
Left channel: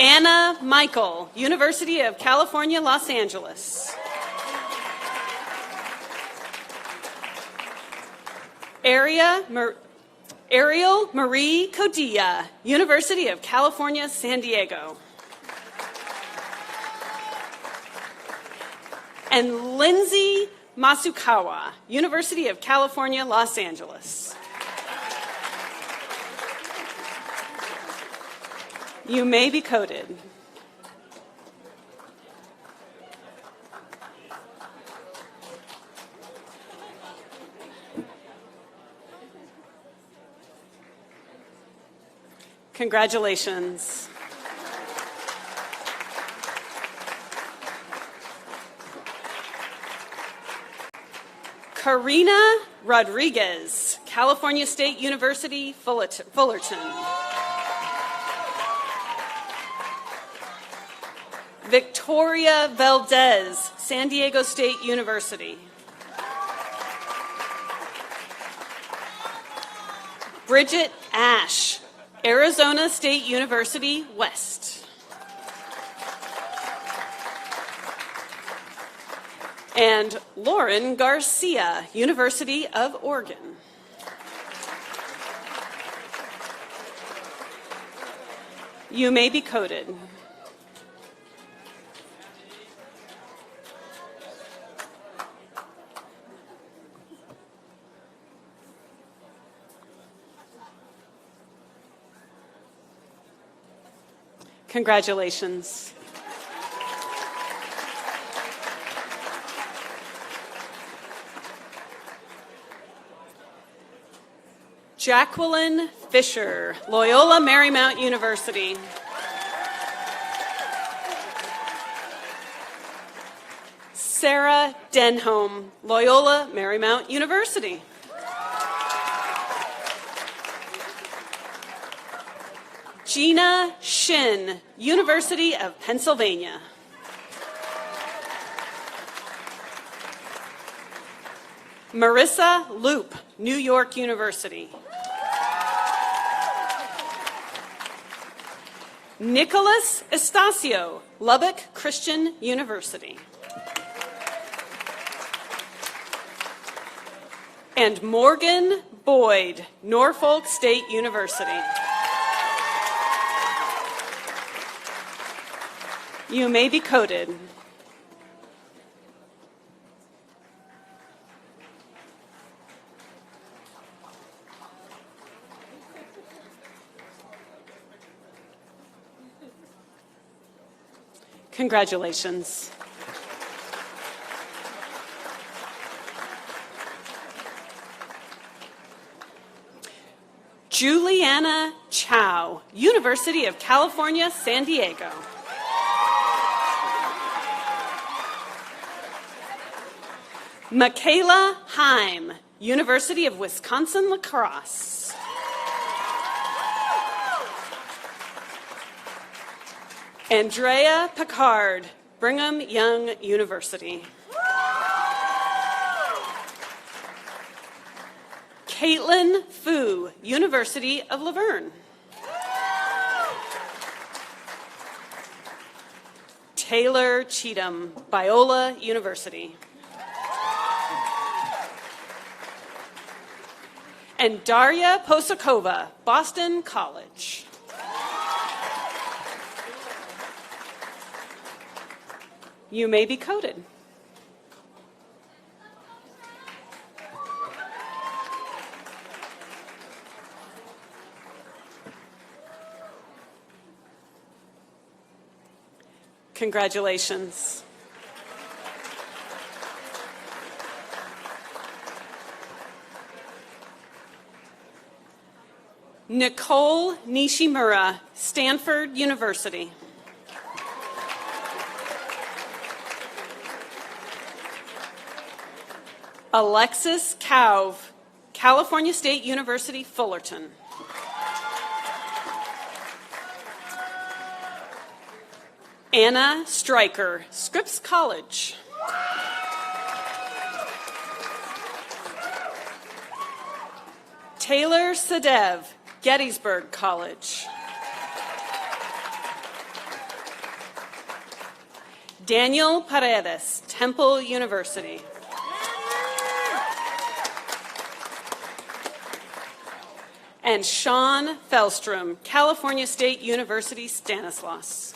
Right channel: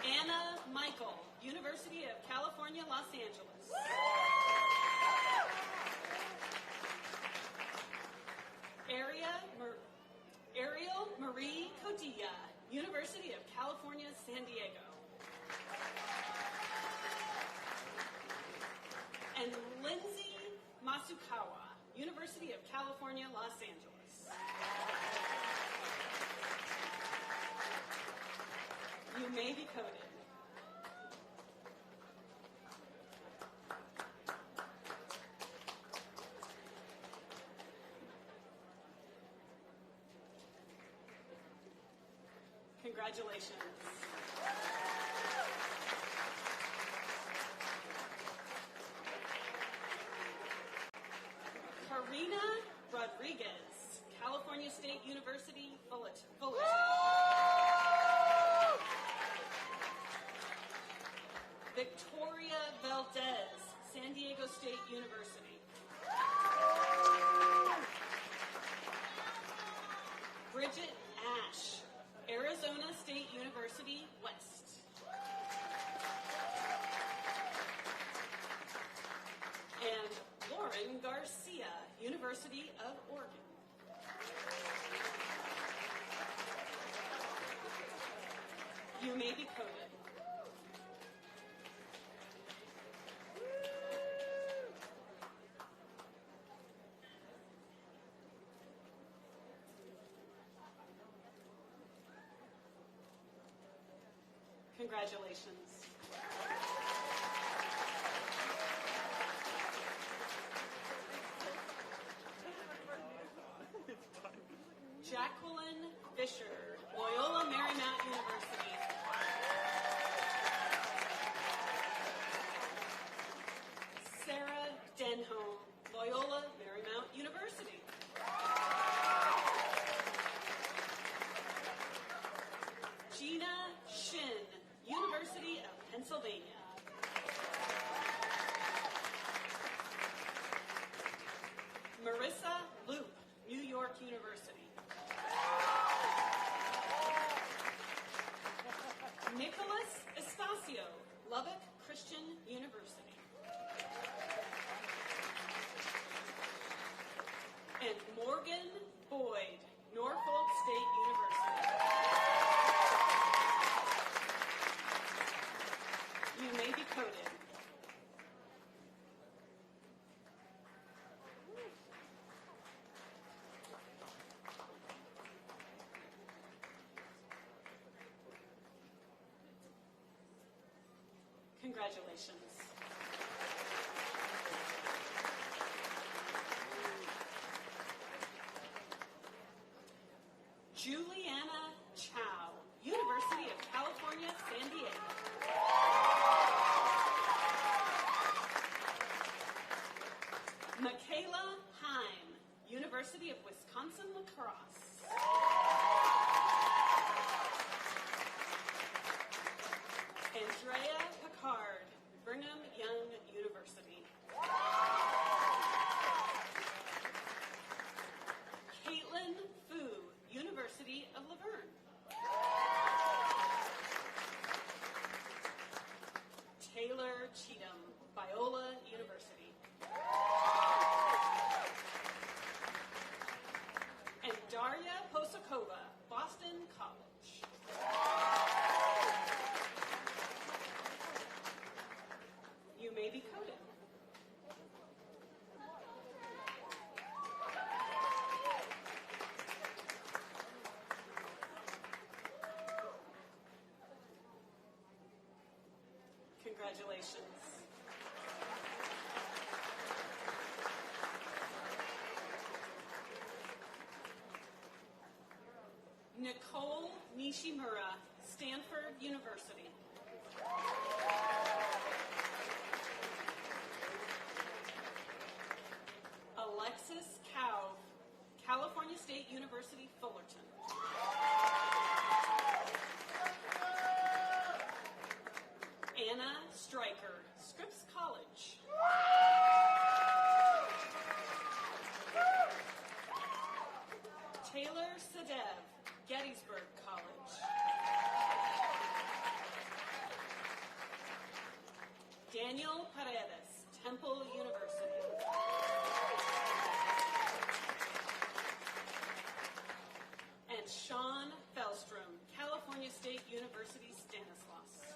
Anna Michael, University of California, Los Angeles. Ariel Marie Codilla, University of California, San Diego. And Lindsay Masukawa, University of California, Los Angeles. You may be coded. Congratulations. Karina Rodriguez, California State University, Fullerton. Victoria Valdez, San Diego State University. Bridget Ash, Arizona State University, West. And Lauren Garcia, University of Oregon. You may be coded. Congratulations. Jacqueline Fisher, Loyola Marymount University. Sarah Denholm, Loyola Marymount University. Gina Shin, University of Pennsylvania. Marissa Loop, New York University. Nicholas Estacio, Lubbock Christian University. And Morgan Boyd, Norfolk State University. You may be coded. Congratulations. Juliana Chow, University of California, San Diego. Michaela Heim, University of Wisconsin-La Crosse. Andrea Picard, Brigham Young University. Caitlin Fu, University of Laverne. Taylor Cheatham, Biola University. And Daria Posakova, Boston College. You may be coded. Congratulations. Nicole Nishimura, Stanford University. Alexis Kauv, California State University, Fullerton. Anna Stryker, Scripps College. Taylor Sadev, Gettysburg College. Daniel Paredes, Temple University. And Sean Felstrom, California State University, Stanislaus.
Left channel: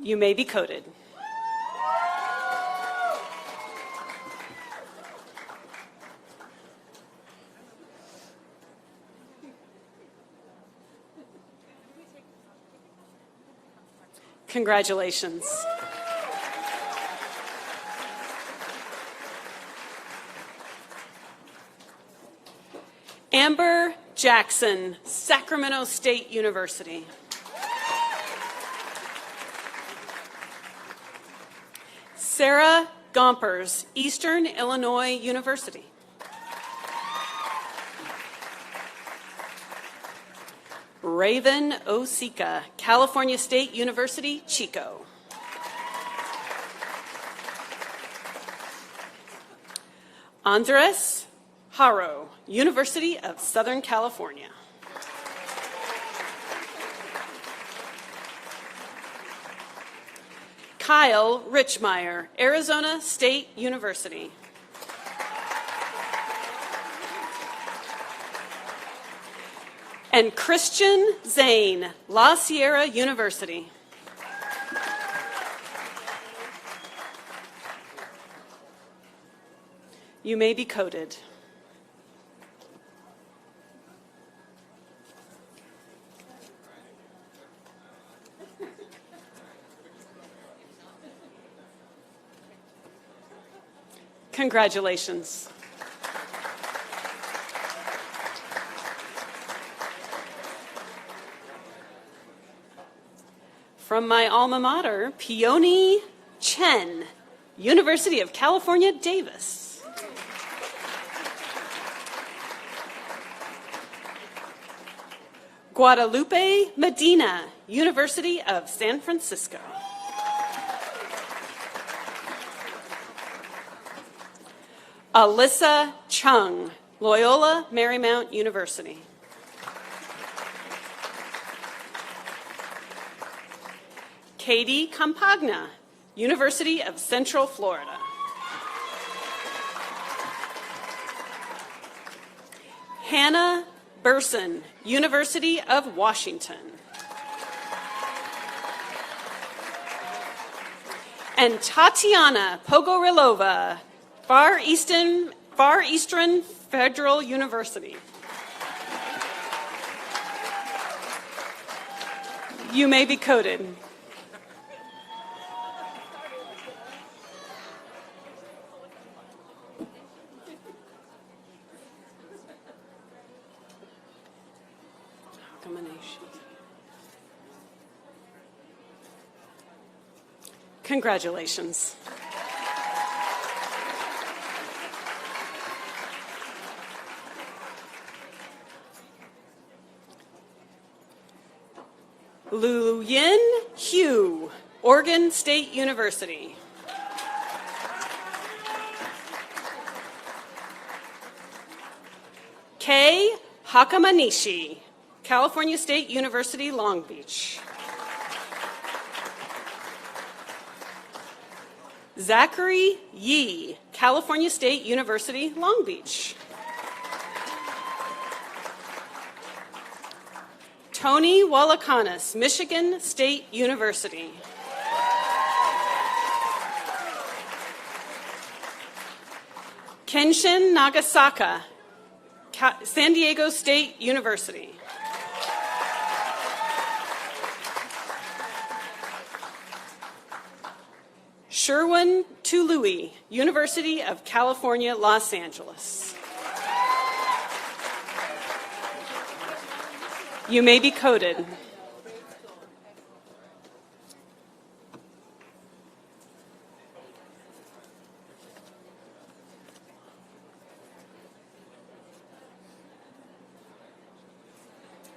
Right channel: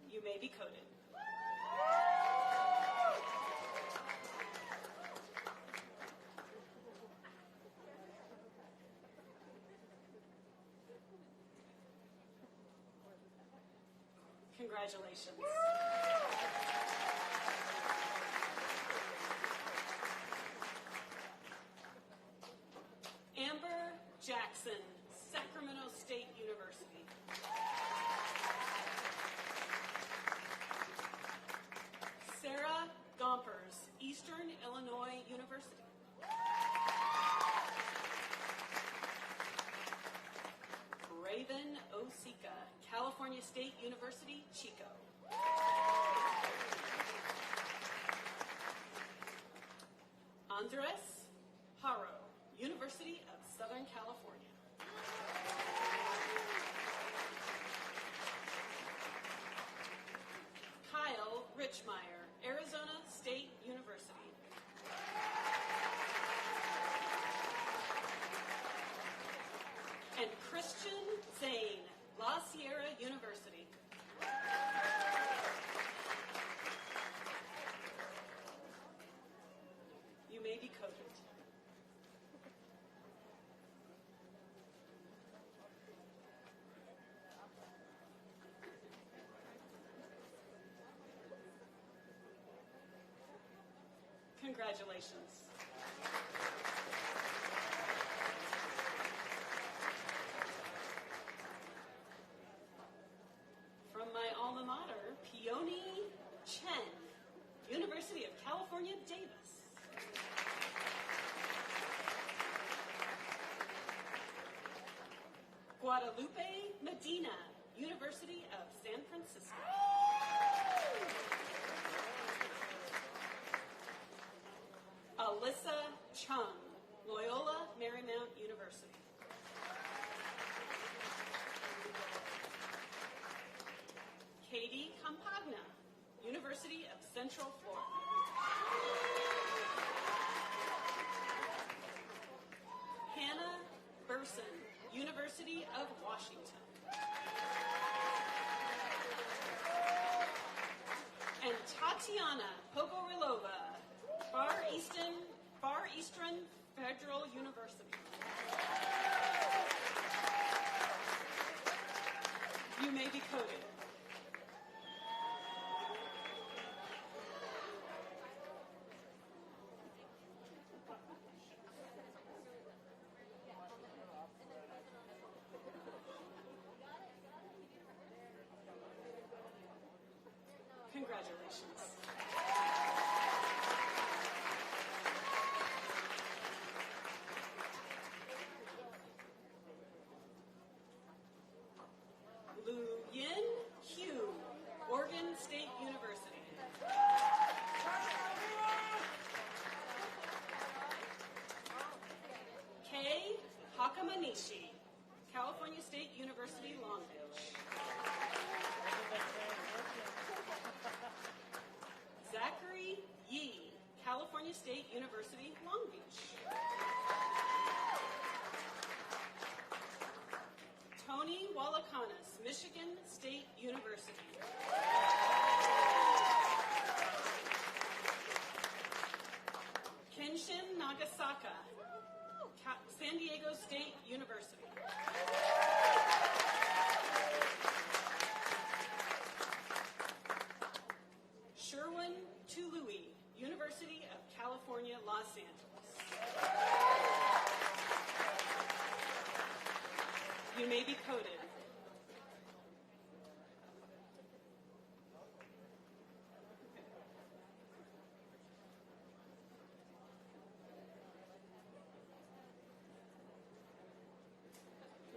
You may be coded. Congratulations. Amber Jackson, Sacramento State University. Sarah Gompers, Eastern Illinois University. Raven Osika, California State University, Chico. Andres Haro, University of Southern California. Kyle Richmeyer, Arizona State University. And Christian Zane, La Sierra University. You may be coded. Congratulations. From my alma mater, Peony Chen, University of California, Davis. Guadalupe Medina, University of San Francisco. Alyssa Chung, Loyola Marymount University. Katie Campagna, University of Central Florida. Hannah Burson, University of Washington. And Tatiana Pogorilova, Far Eastern Federal University. You may be coded. Congratulations. Lu Yin Hugh, Oregon State University. Kei Hakamanishi, California State University, Long Beach. Zachary Yee, California State University, Long Beach. Tony Wallakanis, Michigan State University. Kenshin Nagasaka, San Diego State University. Sherwin Tului, University of California, Los Angeles. You may be coded.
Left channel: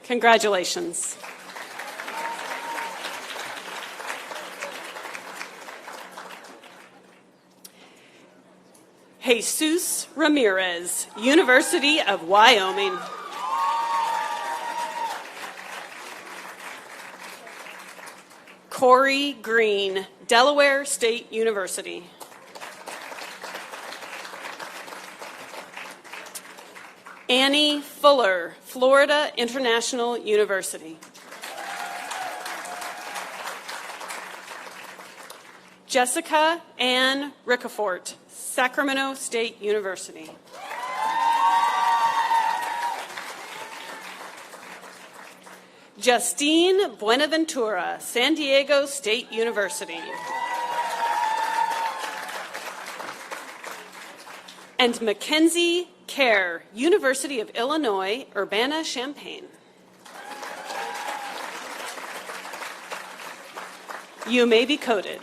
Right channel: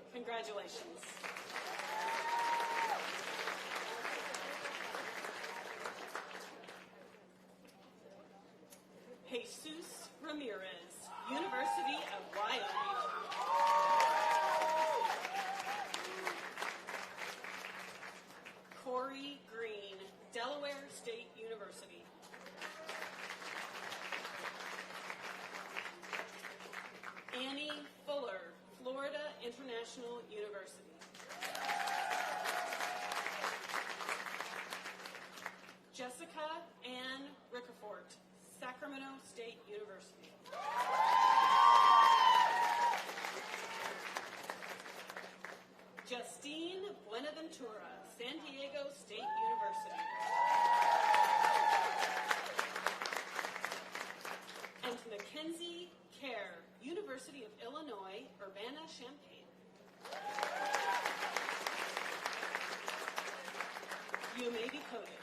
Congratulations. Jesus Ramirez, University of Wyoming. Corey Green, Delaware State University. Annie Fuller, Florida International University. Jessica Ann Ricafort, Sacramento State University. Justine Buenaventura, San Diego State University. And Mackenzie Kerr, University of Illinois, Urbana-Champaign. You may be coded.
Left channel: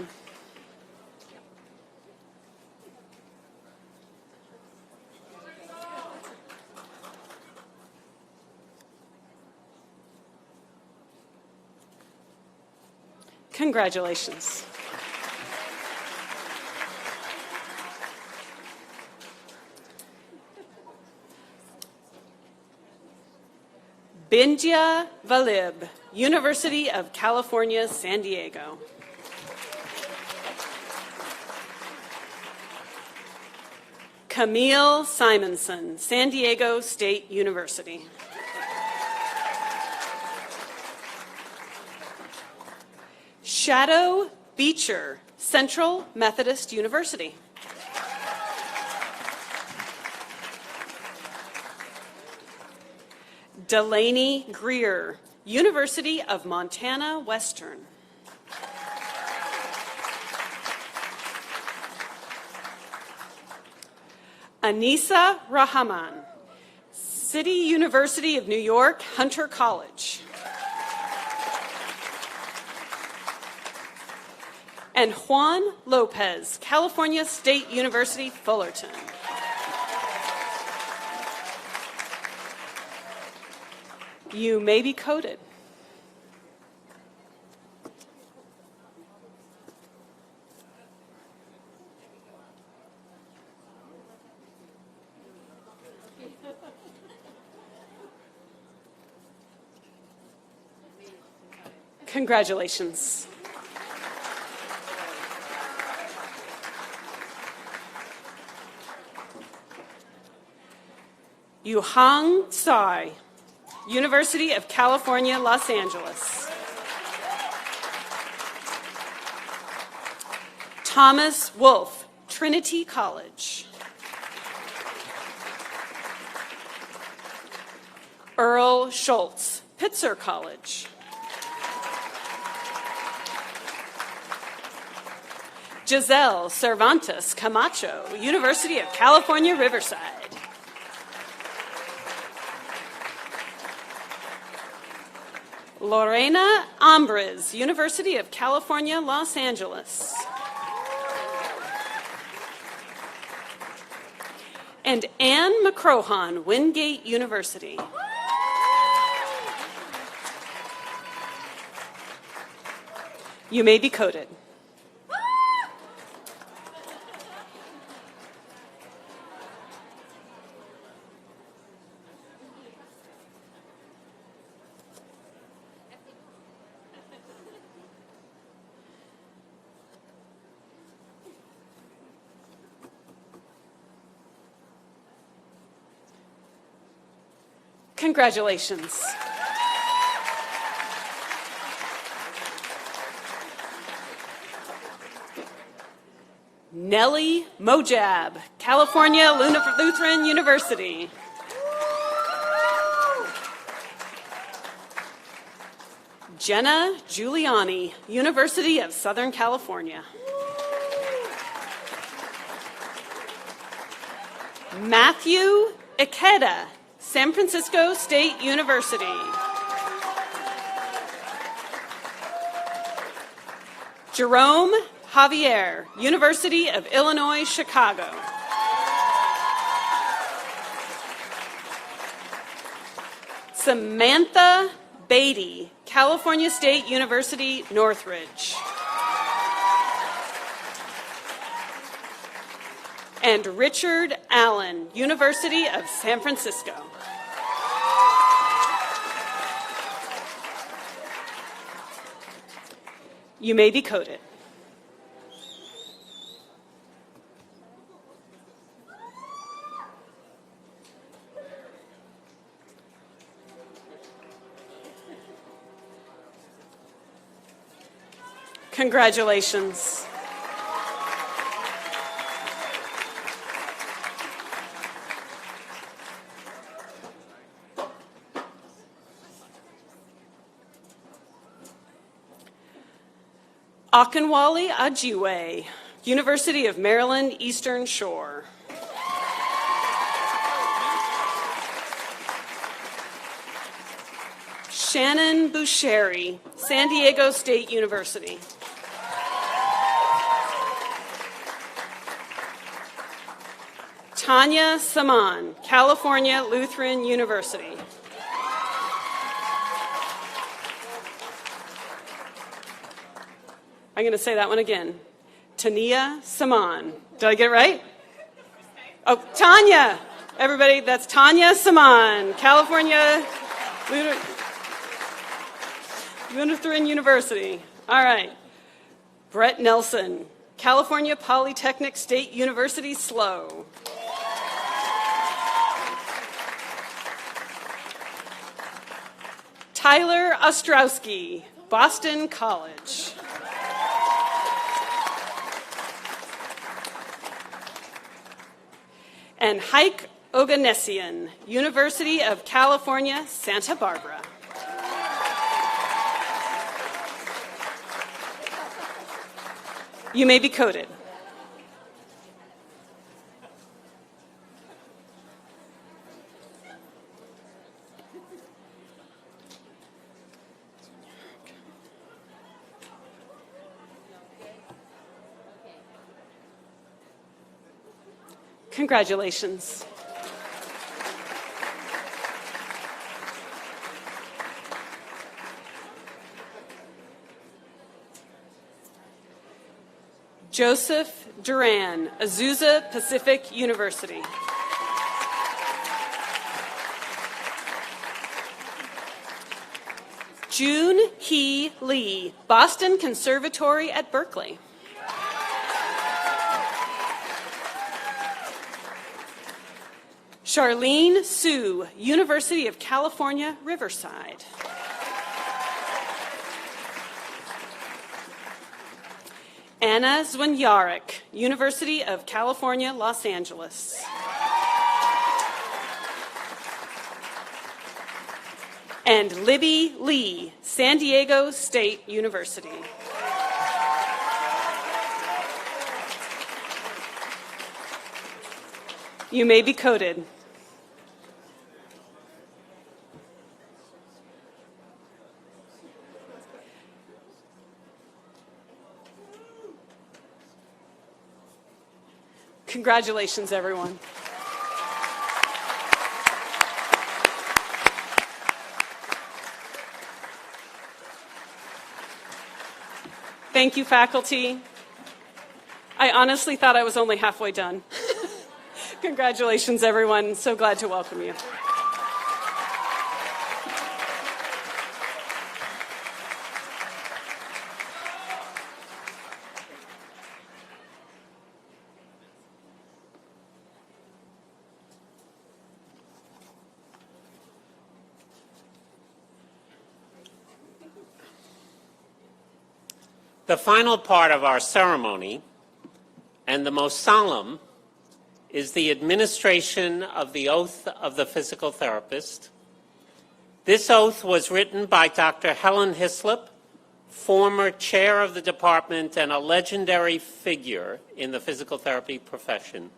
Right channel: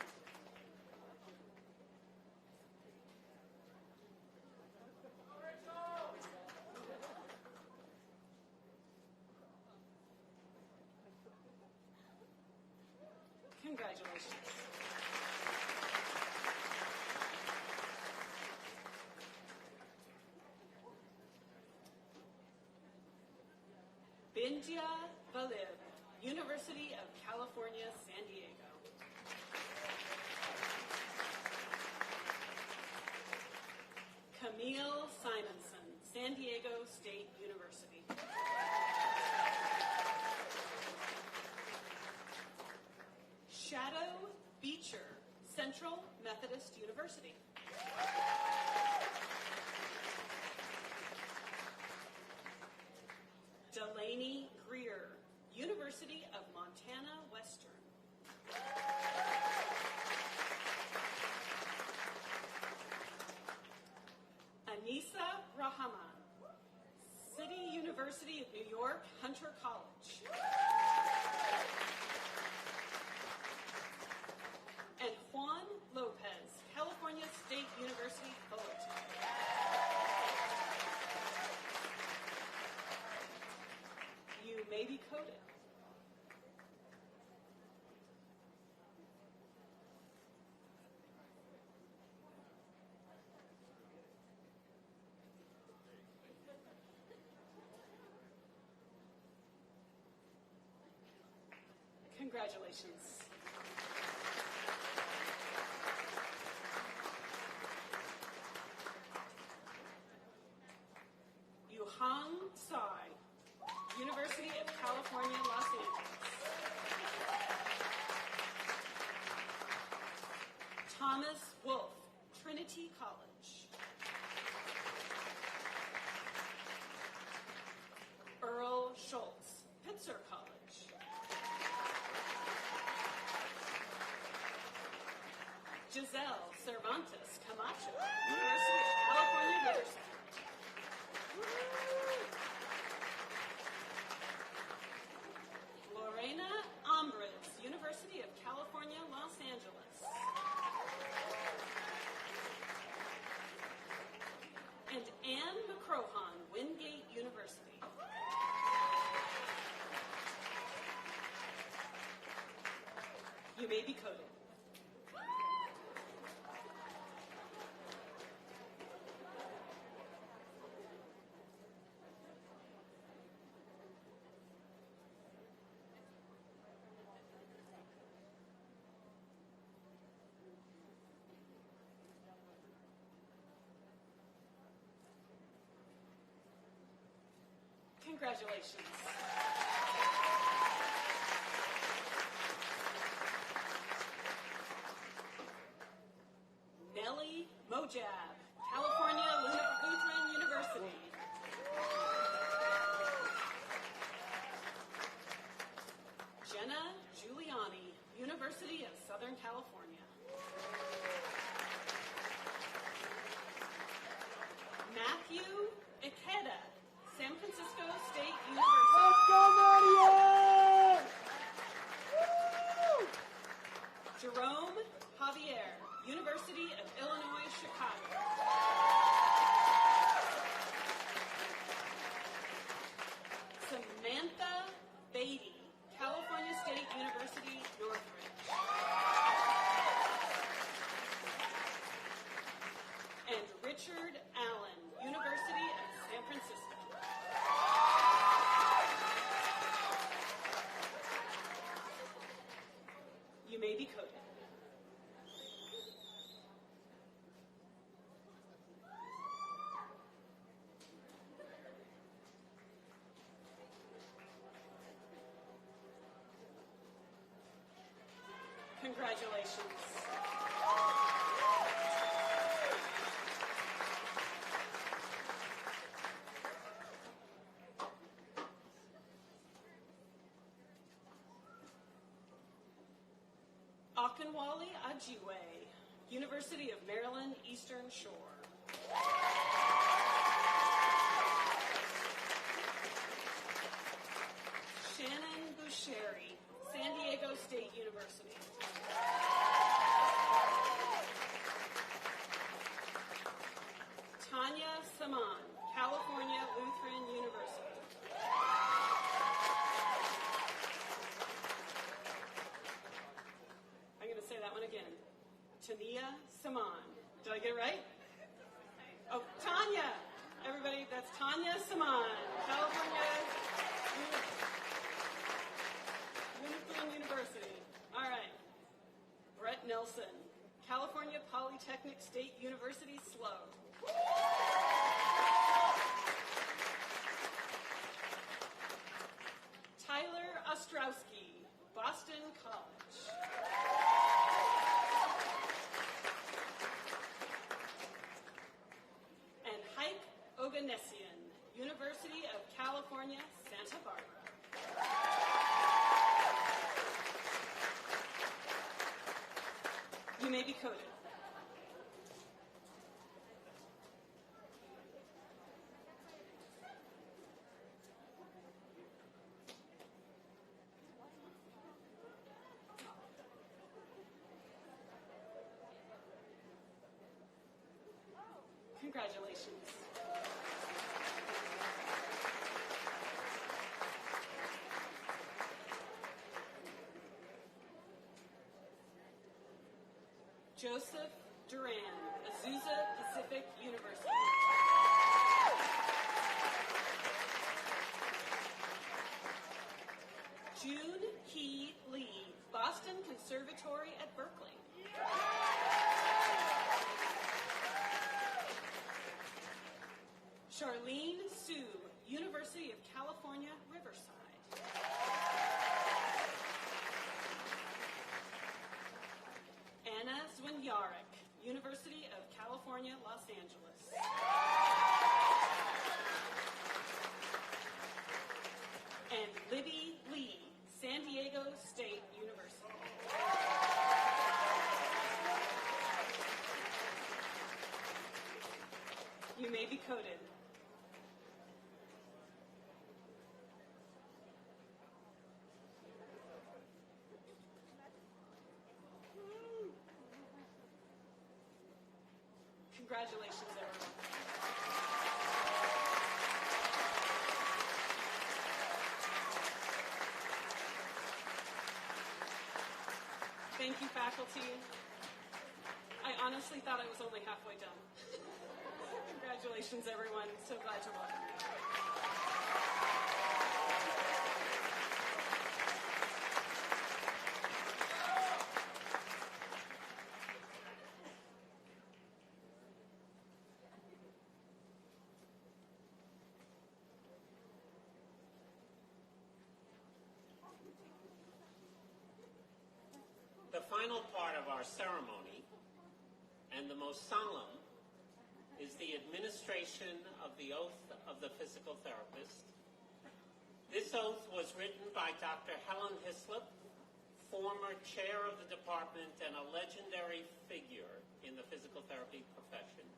Congratulations. Bindya Valib, University of California, San Diego. Camille Simonson, San Diego State University. Shadow Beecher, Central Methodist University. Delaney Greer, University of Montana Western. Anissa Rahman, City University of New York, Hunter College. And Juan Lopez, California State University, Fullerton. You may be coded. Congratulations. Yuhang Tsai, University of California, Los Angeles. Thomas Wolfe, Trinity College. Earl Schultz, Pitzer College. Giselle Cervantes Camacho, University of California, Riverside. Lorena Ambres, University of California, Los Angeles. and Anne McCrohan, Wingate University. You may be coded. Congratulations. Nellie Mojab, California Lutheran University. Jenna Giuliani, University of Southern California. Matthew Ikeda, San Francisco State University. Jerome Javier, University of Illinois, Chicago. Samantha Beatty, California State University, Northridge. And Richard Allen, University of San Francisco. You may be coded. Congratulations. Akinwale Ajiwe, University of Maryland, Eastern Shore. Shannon Busheri, San Diego State University. Tanya Saman, California Lutheran University. I'm going to say that one again. Tania Saman. Did I get it right? Oh, Tanya. Everybody, that's Tanya Saman, California Lutheran University. All right. Brett Nelson, California Polytechnic State University, SLO. Tyler Ostrowski, Boston College. And Heike Oganessian, University of California, Santa Barbara. You may be coded. Congratulations. Joseph Duran, Azusa Pacific University. June Hee Lee, Boston Conservatory at Berkeley. Charlene Sue, University of California, Riverside. Anna Zwinjarek, University of California, Los Angeles. And Libby Lee, San Diego State University. You may be coded. Congratulations, everyone. Thank you, faculty. I honestly thought I was only halfway done. Congratulations, everyone. So glad to welcome you. The final part of our ceremony, and the most solemn, is the administration of the oath of the physical therapist. This oath was written by Dr. Helen Hislop, former chair of the department and a legendary figure in the physical therapy profession.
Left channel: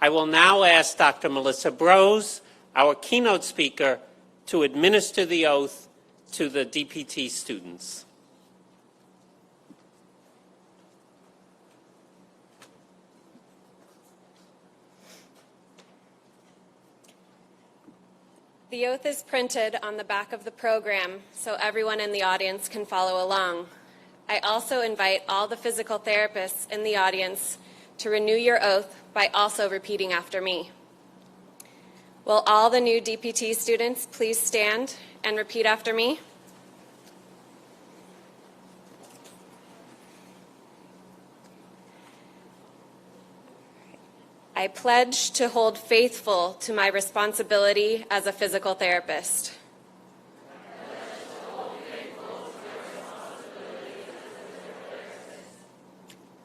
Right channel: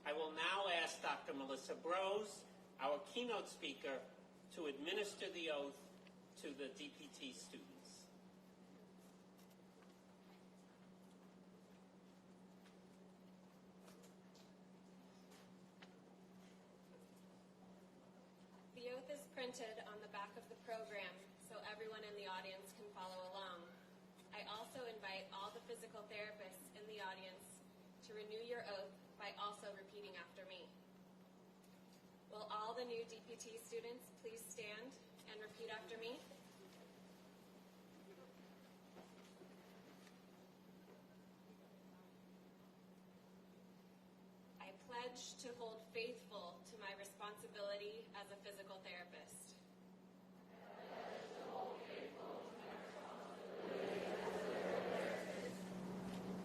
I will now ask Dr. Melissa Brose, our keynote speaker, to administer the oath to the DPT students. The oath is printed on the back of the program so everyone in the audience can follow along. I also invite all the physical therapists in the audience to renew your oath by also repeating after me. Will all the new DPT students please stand and repeat after me? I pledge to hold faithful to my responsibility as a physical therapist.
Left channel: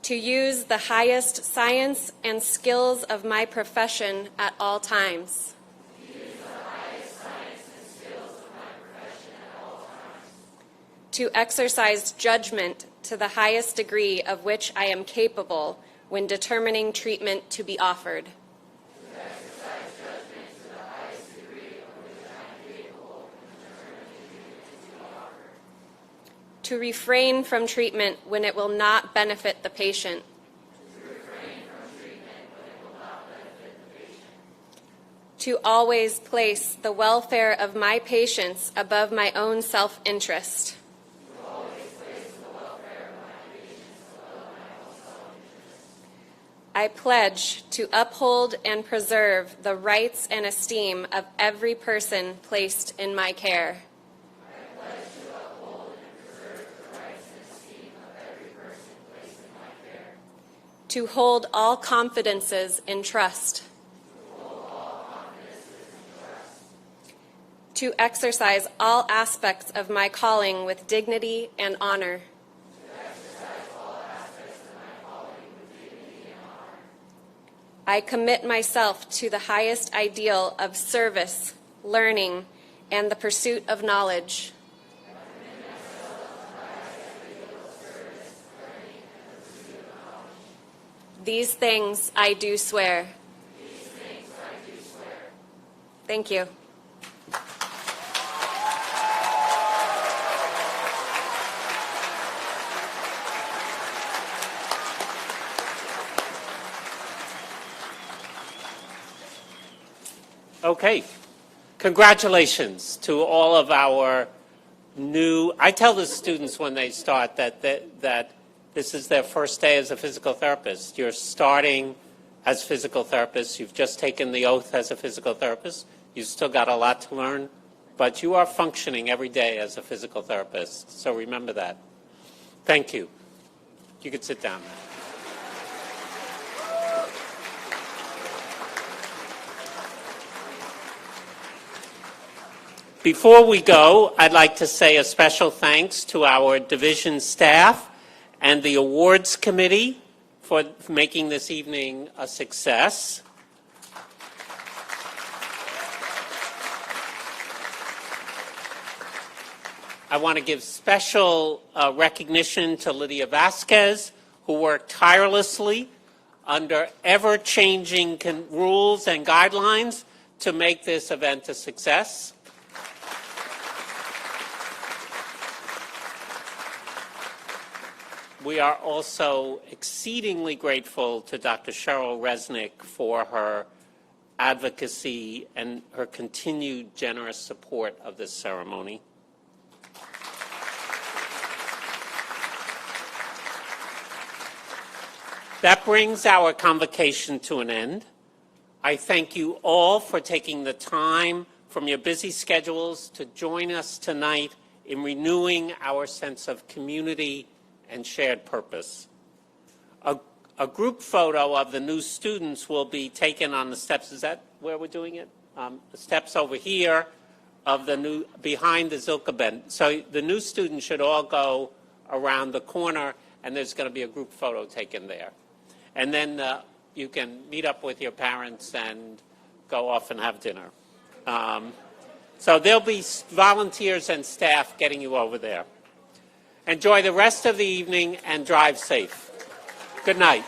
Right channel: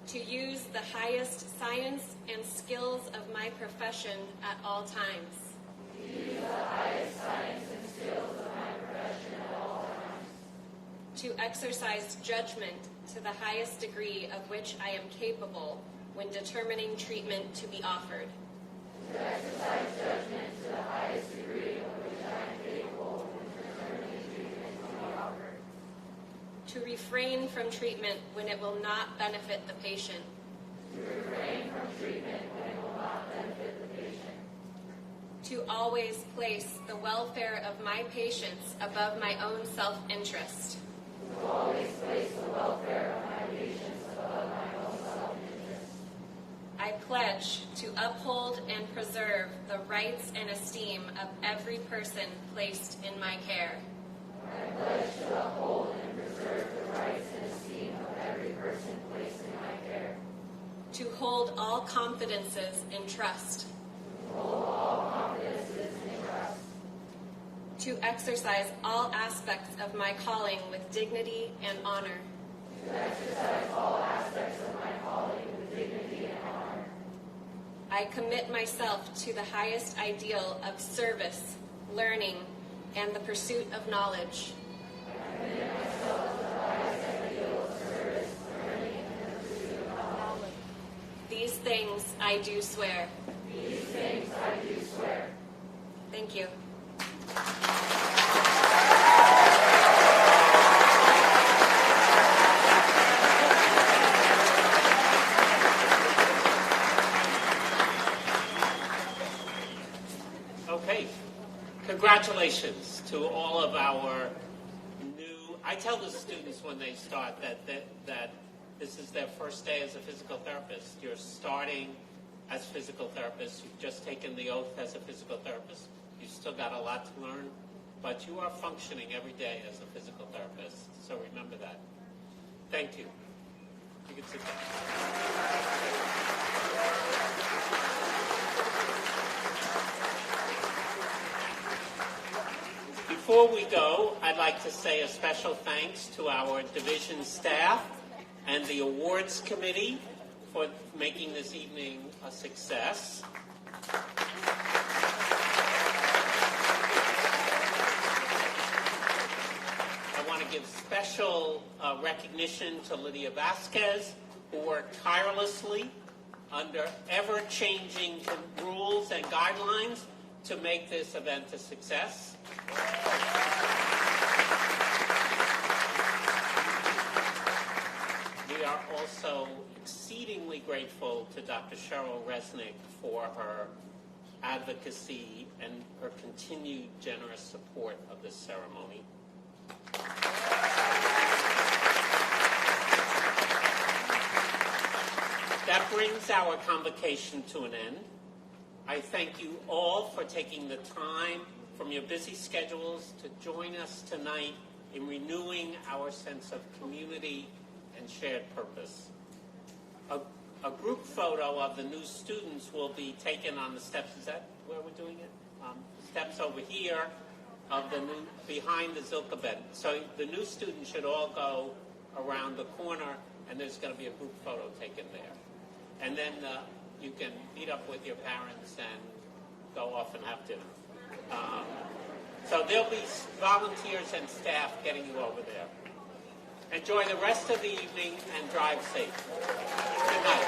To use the highest science and skills of my profession at all times. To exercise judgment to the highest degree of which I am capable when determining treatment to be offered. To refrain from treatment when it will not benefit the patient. To always place the welfare of my patients above my own self-interest. I pledge to uphold and preserve the rights and esteem of every person placed in my care. I pledge to uphold and preserve the rights and esteem of every person placed in my care. To hold all confidences in trust. To exercise all aspects of my calling with dignity and honor. I commit myself to the highest ideal of service, learning, and the pursuit of knowledge. These things I do swear. Thank you. Okay, congratulations to all of our new, I tell the students when they start that this is their first day as a physical therapist. You're starting as physical therapists. You've just taken the oath as a physical therapist. You've still got a lot to learn, but you are functioning every day as a physical therapist. So remember that. Thank you. You can sit down. Before we go, I'd like to say a special thanks to our division staff and the awards committee for making this evening a success. I want to give special recognition to Lydia Vasquez, who worked tirelessly under ever-changing rules and guidelines to make this event a success. We are also exceedingly grateful to Dr. Cheryl Resnick for her advocacy and her continued generous support of this ceremony. That brings our convocation to an end. I thank you all for taking the time from your busy schedules to join us tonight in renewing our sense of community and shared purpose. A group photo of the new students will be taken on the steps. Is that where we're doing it? The steps over here of the new, behind the Zilka bench. So the new students should all go around the corner, and there's going to be a group photo taken there. And then you can meet up with your parents and go off and have dinner. So there'll be volunteers and staff getting you over there. Enjoy the rest of the evening and drive safe. Good night.